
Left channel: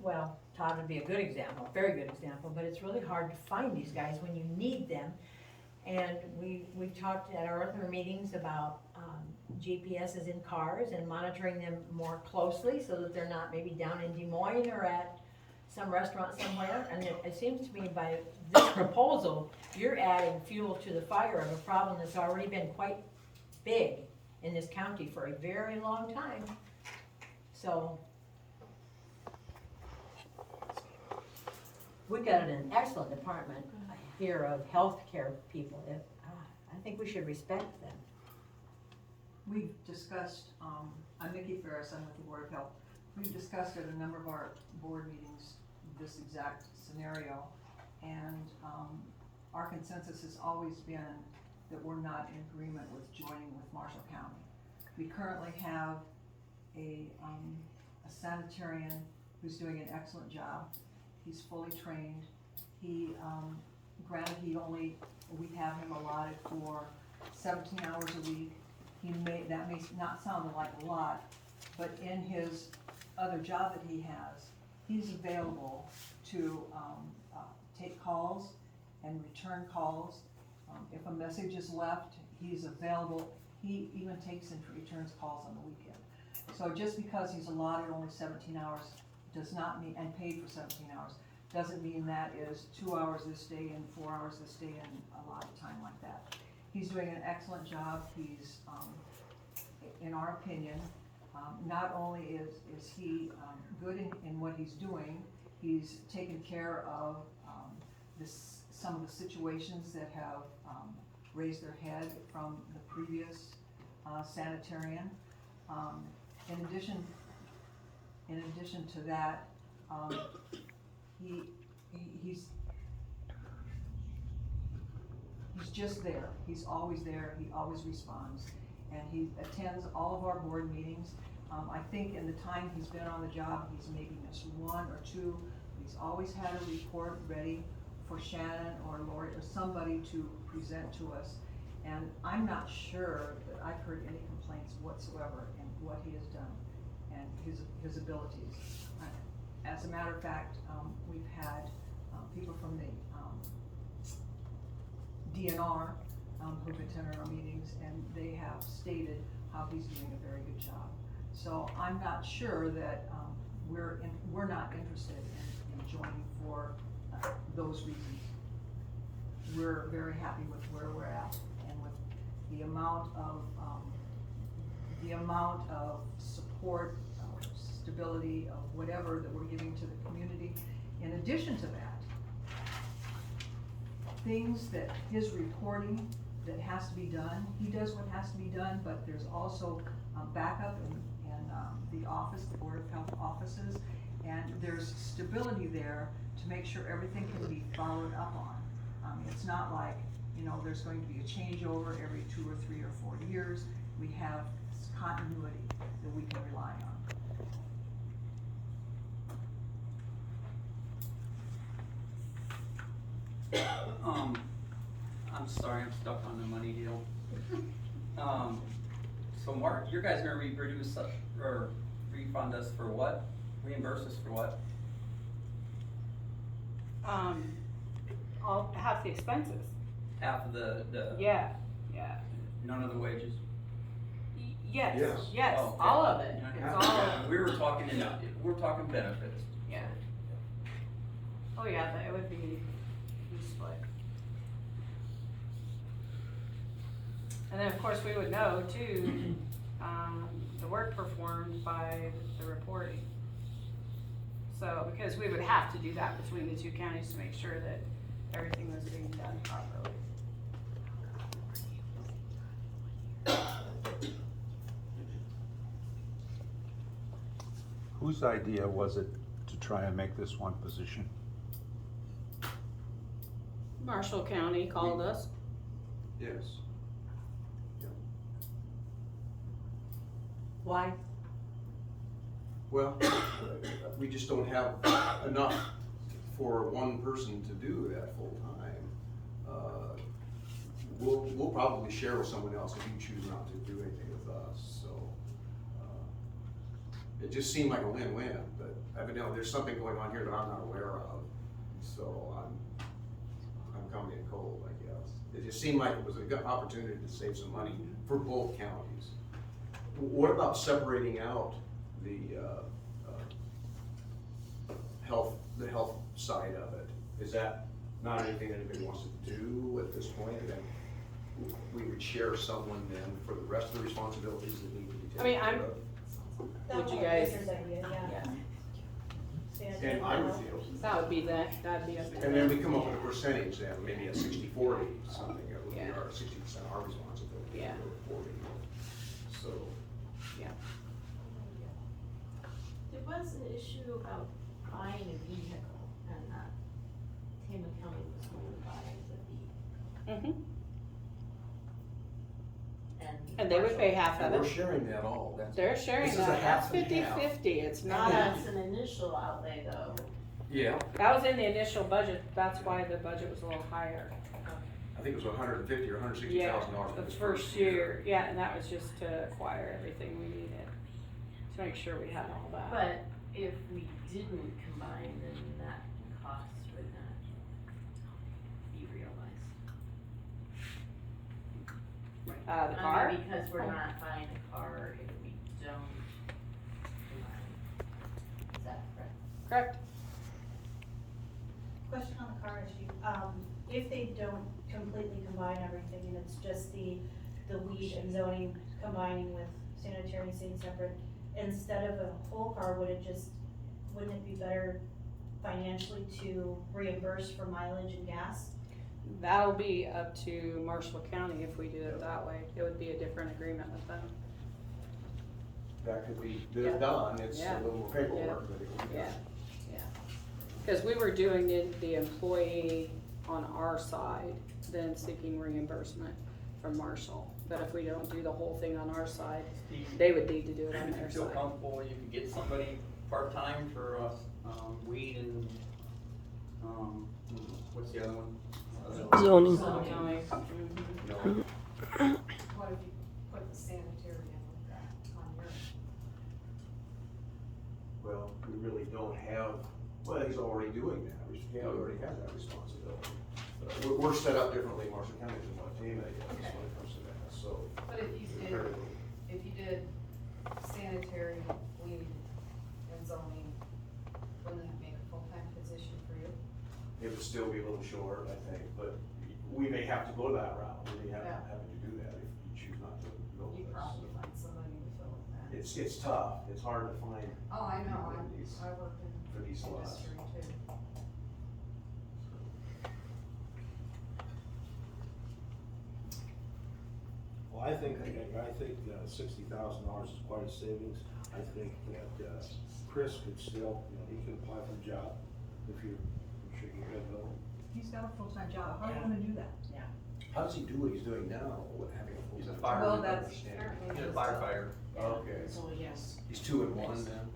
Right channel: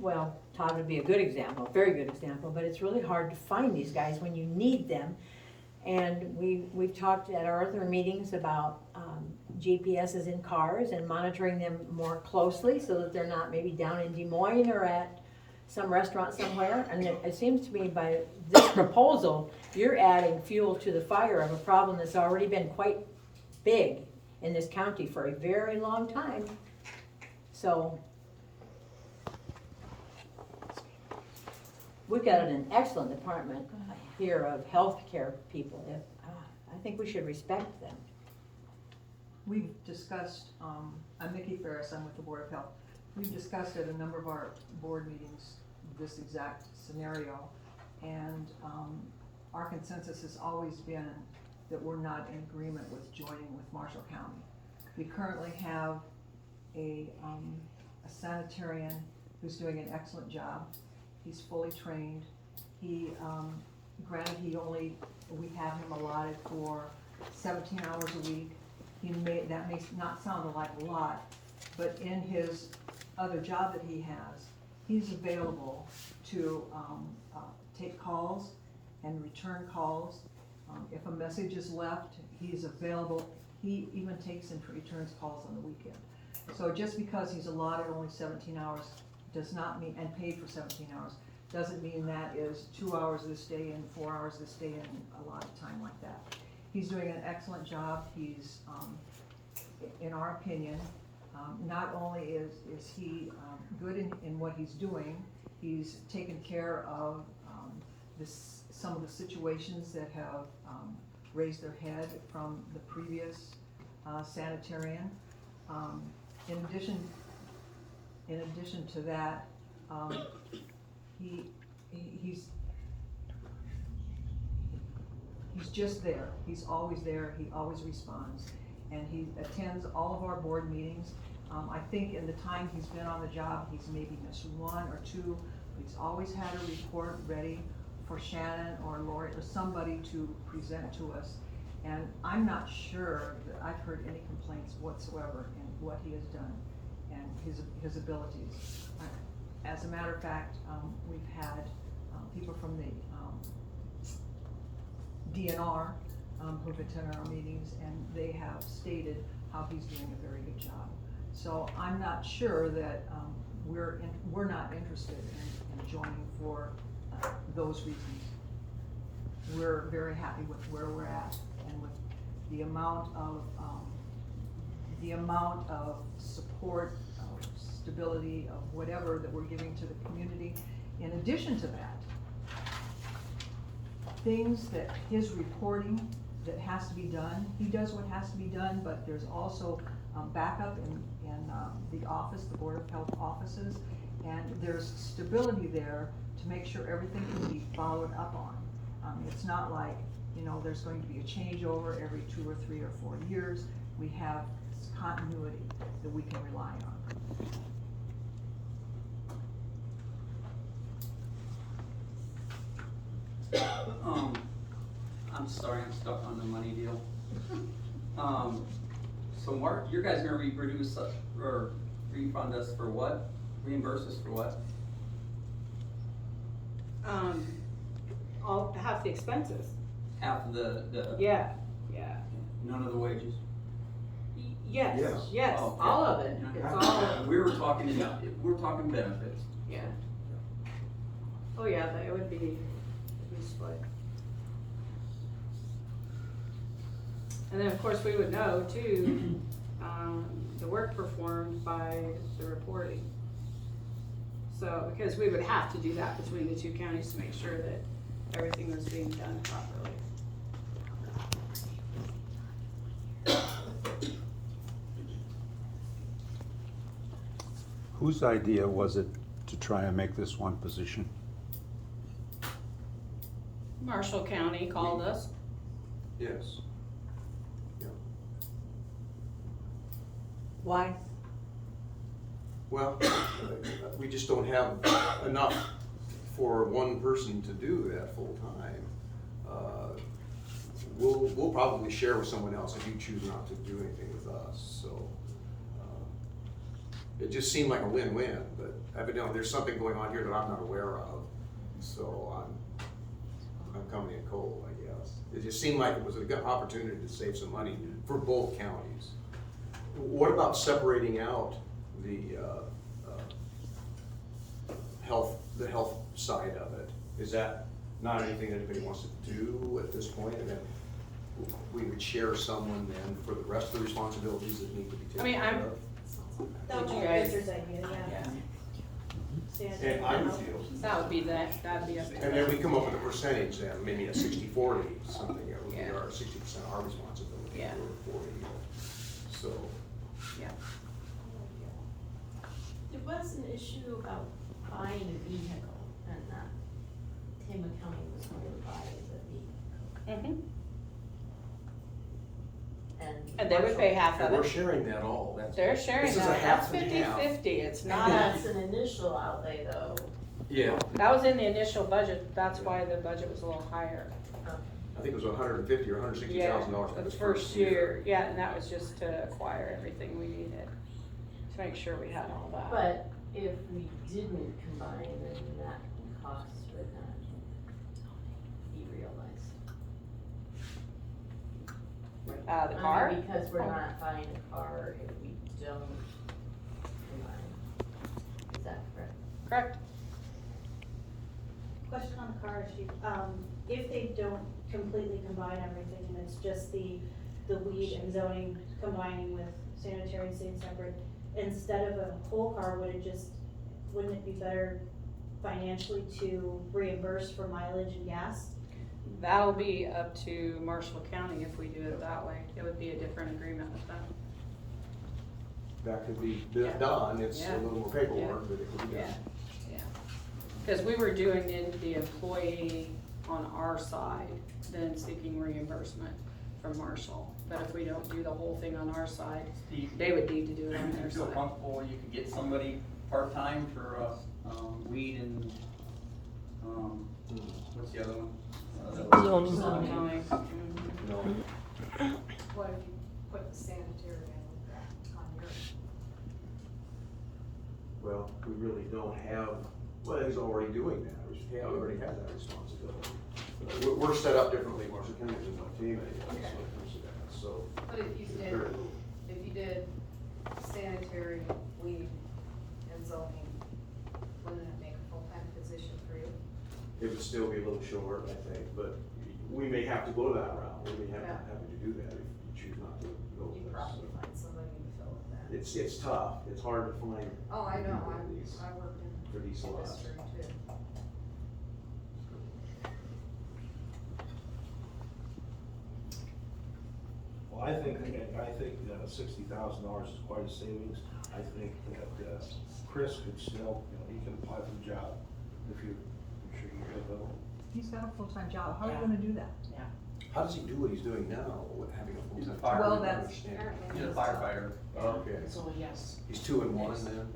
well, Todd would be a good example, a very good example, but it's really hard to find these guys when you need them. And we've talked at our other meetings about GPSs in cars and monitoring them more closely so that they're not maybe down in Des Moines or at some restaurant somewhere. And it seems to me by this proposal, you're adding fuel to the fire of a problem that's already been quite big in this county for a very long time. So we've got an excellent department here of healthcare people. I think we should respect them. We've discussed, I'm Nikki Ferris, I'm with the Board of Health. We've discussed at a number of our board meetings this exact scenario, and our consensus has always been that we're not in agreement with joining with Marshall County. We currently have a sanitarian who's doing an excellent job. He's fully trained. He, granted, we have him allotted for 17 hours a week. That may not sound like a lot, but in his other job that he has, he's available to take calls and return calls. If a message is left, he's available. He even takes and returns calls on the weekend. So just because he's allotted only 17 hours does not mean, and paid for 17 hours, doesn't mean that is 2 hours this day and 4 hours this day and a lot of time like that. He's doing an excellent job. He's, in our opinion, not only is he good in what he's doing, he's taken care of some of the situations that have raised their head from the previous sanitarian. In addition to that, he's just there. He's always there. He always responds, and he attends all of our board meetings. I think in the time he's been on the job, he's maybe missed 1 or 2. He's always had a report ready for Shannon or Lori or somebody to present to us. And I'm not sure that I've heard any complaints whatsoever in what he has done and his abilities. As a matter of fact, we've had people from the DNR, who've attended our meetings, and they have stated how he's doing a very good job. So I'm not sure that, we're not interested in joining for those reasons. We're very happy with where we're at and with the amount of support, of stability, of whatever that we're giving to the community. In addition to that, things that his reporting that has to be done, he does what has to be done, but there's also backup in the office, the Board of Health offices, and there's stability there to make sure everything can be followed up on. It's not like, there's going to be a changeover every 2 or 3 or 4 years. We have continuity that we can rely on. I'm sorry, I'm stuck on the money deal. So Mark, you guys are gonna reproduce us, or refund us for what? Reimburse us for what? Half the expenses. Half of the, Yeah. none of the wages? Yes, Yes. yes, Oh, okay. all of it, it's all of it. We were talking benefits. Yeah. Oh, yeah, it would be split. And then, of course, we would know too, the work performed by the reporting. So, because we would have to do that between the two counties to make sure that everything was being done properly. Whose idea was it to try and make this one position? Marshall County called us. Yes. Why? Well, we just don't have enough for one person to do that full time. We'll probably share with someone else if you choose not to do anything with us, so. It just seemed like a win-win, but evidently there's something going on here that I'm not aware of, so I'm coming in cold, I guess. It just seemed like it was a good opportunity to save some money for both counties. What about separating out the health side of it? Is that not anything anybody wants to do at this point? And then we would share someone then for the rest of the responsibilities that need to be taken care of? That Would was you my guys- sister's idea, yeah. And I would feel. That'd be up to And then we come up with a percentage then, maybe a 60-40, something, it would be Yeah. our 60% our responsibility, Yeah. or 40, so. There was an issue about buying a vehicle, and that Tama County was going to buy the vehicle. And they would pay half of And we're it. sharing that all, that's. They're sharing This is a that, that's half and half. 50-50, it's not, And that's an initial outlay though. Yeah, that was in the initial budget, that's why the budget was a little higher. I think it was $150,000 or $160,000 for The this first year, yeah, and that was just to acquire everything we needed, to make sure we had all that. But if we didn't combine, then that cost would not be realized. The I car? mean, because we're not buying a car if we don't combine. Is that correct? Correct. Question on the car issue, if they don't completely combine everything, and it's just the weed and zoning combining with sanitary staying separate, instead of a whole car, wouldn't it be better financially to reimburse for mileage and gas? That'll be up to Marshall County if we do it that way, it would be a different agreement with them. That could be Yeah. done, it's a Yeah. little more paperwork, but it could be Yeah, done. yeah. Cause we were doing the employee on our side, then seeking reimbursement from Marshall. But if we don't do the whole thing on our side, they would need to do it on You their feel side. comfortable where you could get somebody part-time for, weed and, what's the other one? Zoning. Zoning. What if you put the sanitarian back on your? Well, we really don't have, well, he's already doing that, he already has that responsibility. we're set up differently in Marshall County than what Tama is when it comes to that, so. But if you did sanitary, weed, and zoning, wouldn't that make a full-time position for you? It would still be a little short, I think, but we may have to go that route, we may have to do that if you choose not to go with You'd us. probably find somebody to fill with that. It's tough, it's hard to find. Oh, I know, people for these- I work in for these lots. industry too. Well, I think $60,000 is quite a savings. I think that Chris could still, he can apply for the job if I'm sure you could go. He's got a full-time job, how are you gonna do that? How does he do what he's doing now, with having a full? He's a time fireman. Well, that's- understand? He's a firefighter. Okay, So yes. he's 2 in 1 then?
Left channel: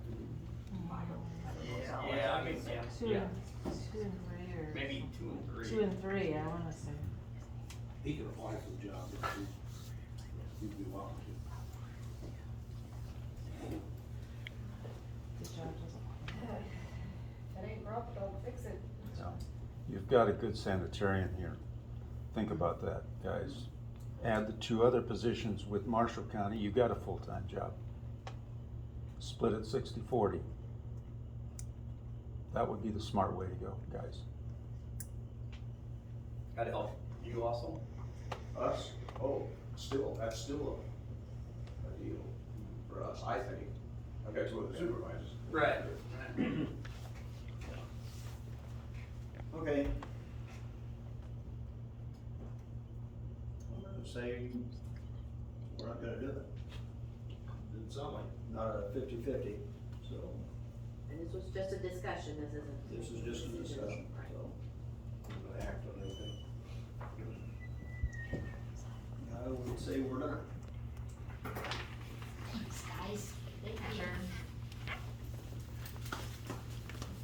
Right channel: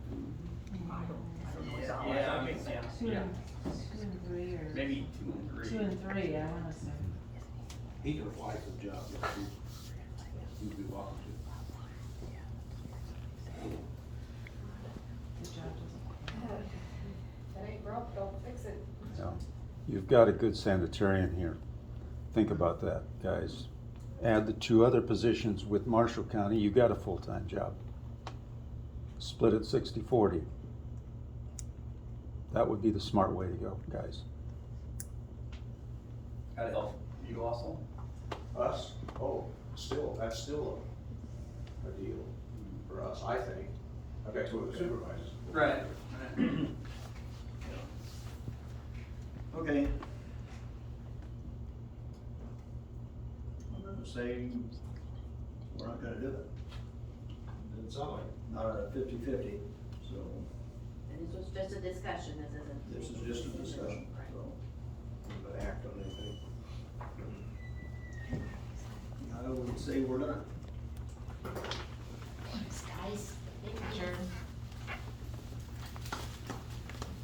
I don't know his hours. Yeah, I mean, Two yeah, and three, or? maybe 2 and 3. 2 and 3, I wanna say. He can apply for the job, he'd be welcome to. The job doesn't. If it ain't broke, don't fix it. You've got a good sanitarian here. Think about that, guys. Add the 2 other positions with Marshall County, you got a full-time job. Split it 60-40. That would be the smart way to go, guys. Gotta help you also. Us? Oh, that's still a deal for us, I think. I've got 2 other supervisors. Right. Okay. I'm gonna say, we're not gonna do it. It's not Not a 50-50, so And this was just a discussion, this isn't. this is just a discussion, so. gonna act on anything. I would say we're not.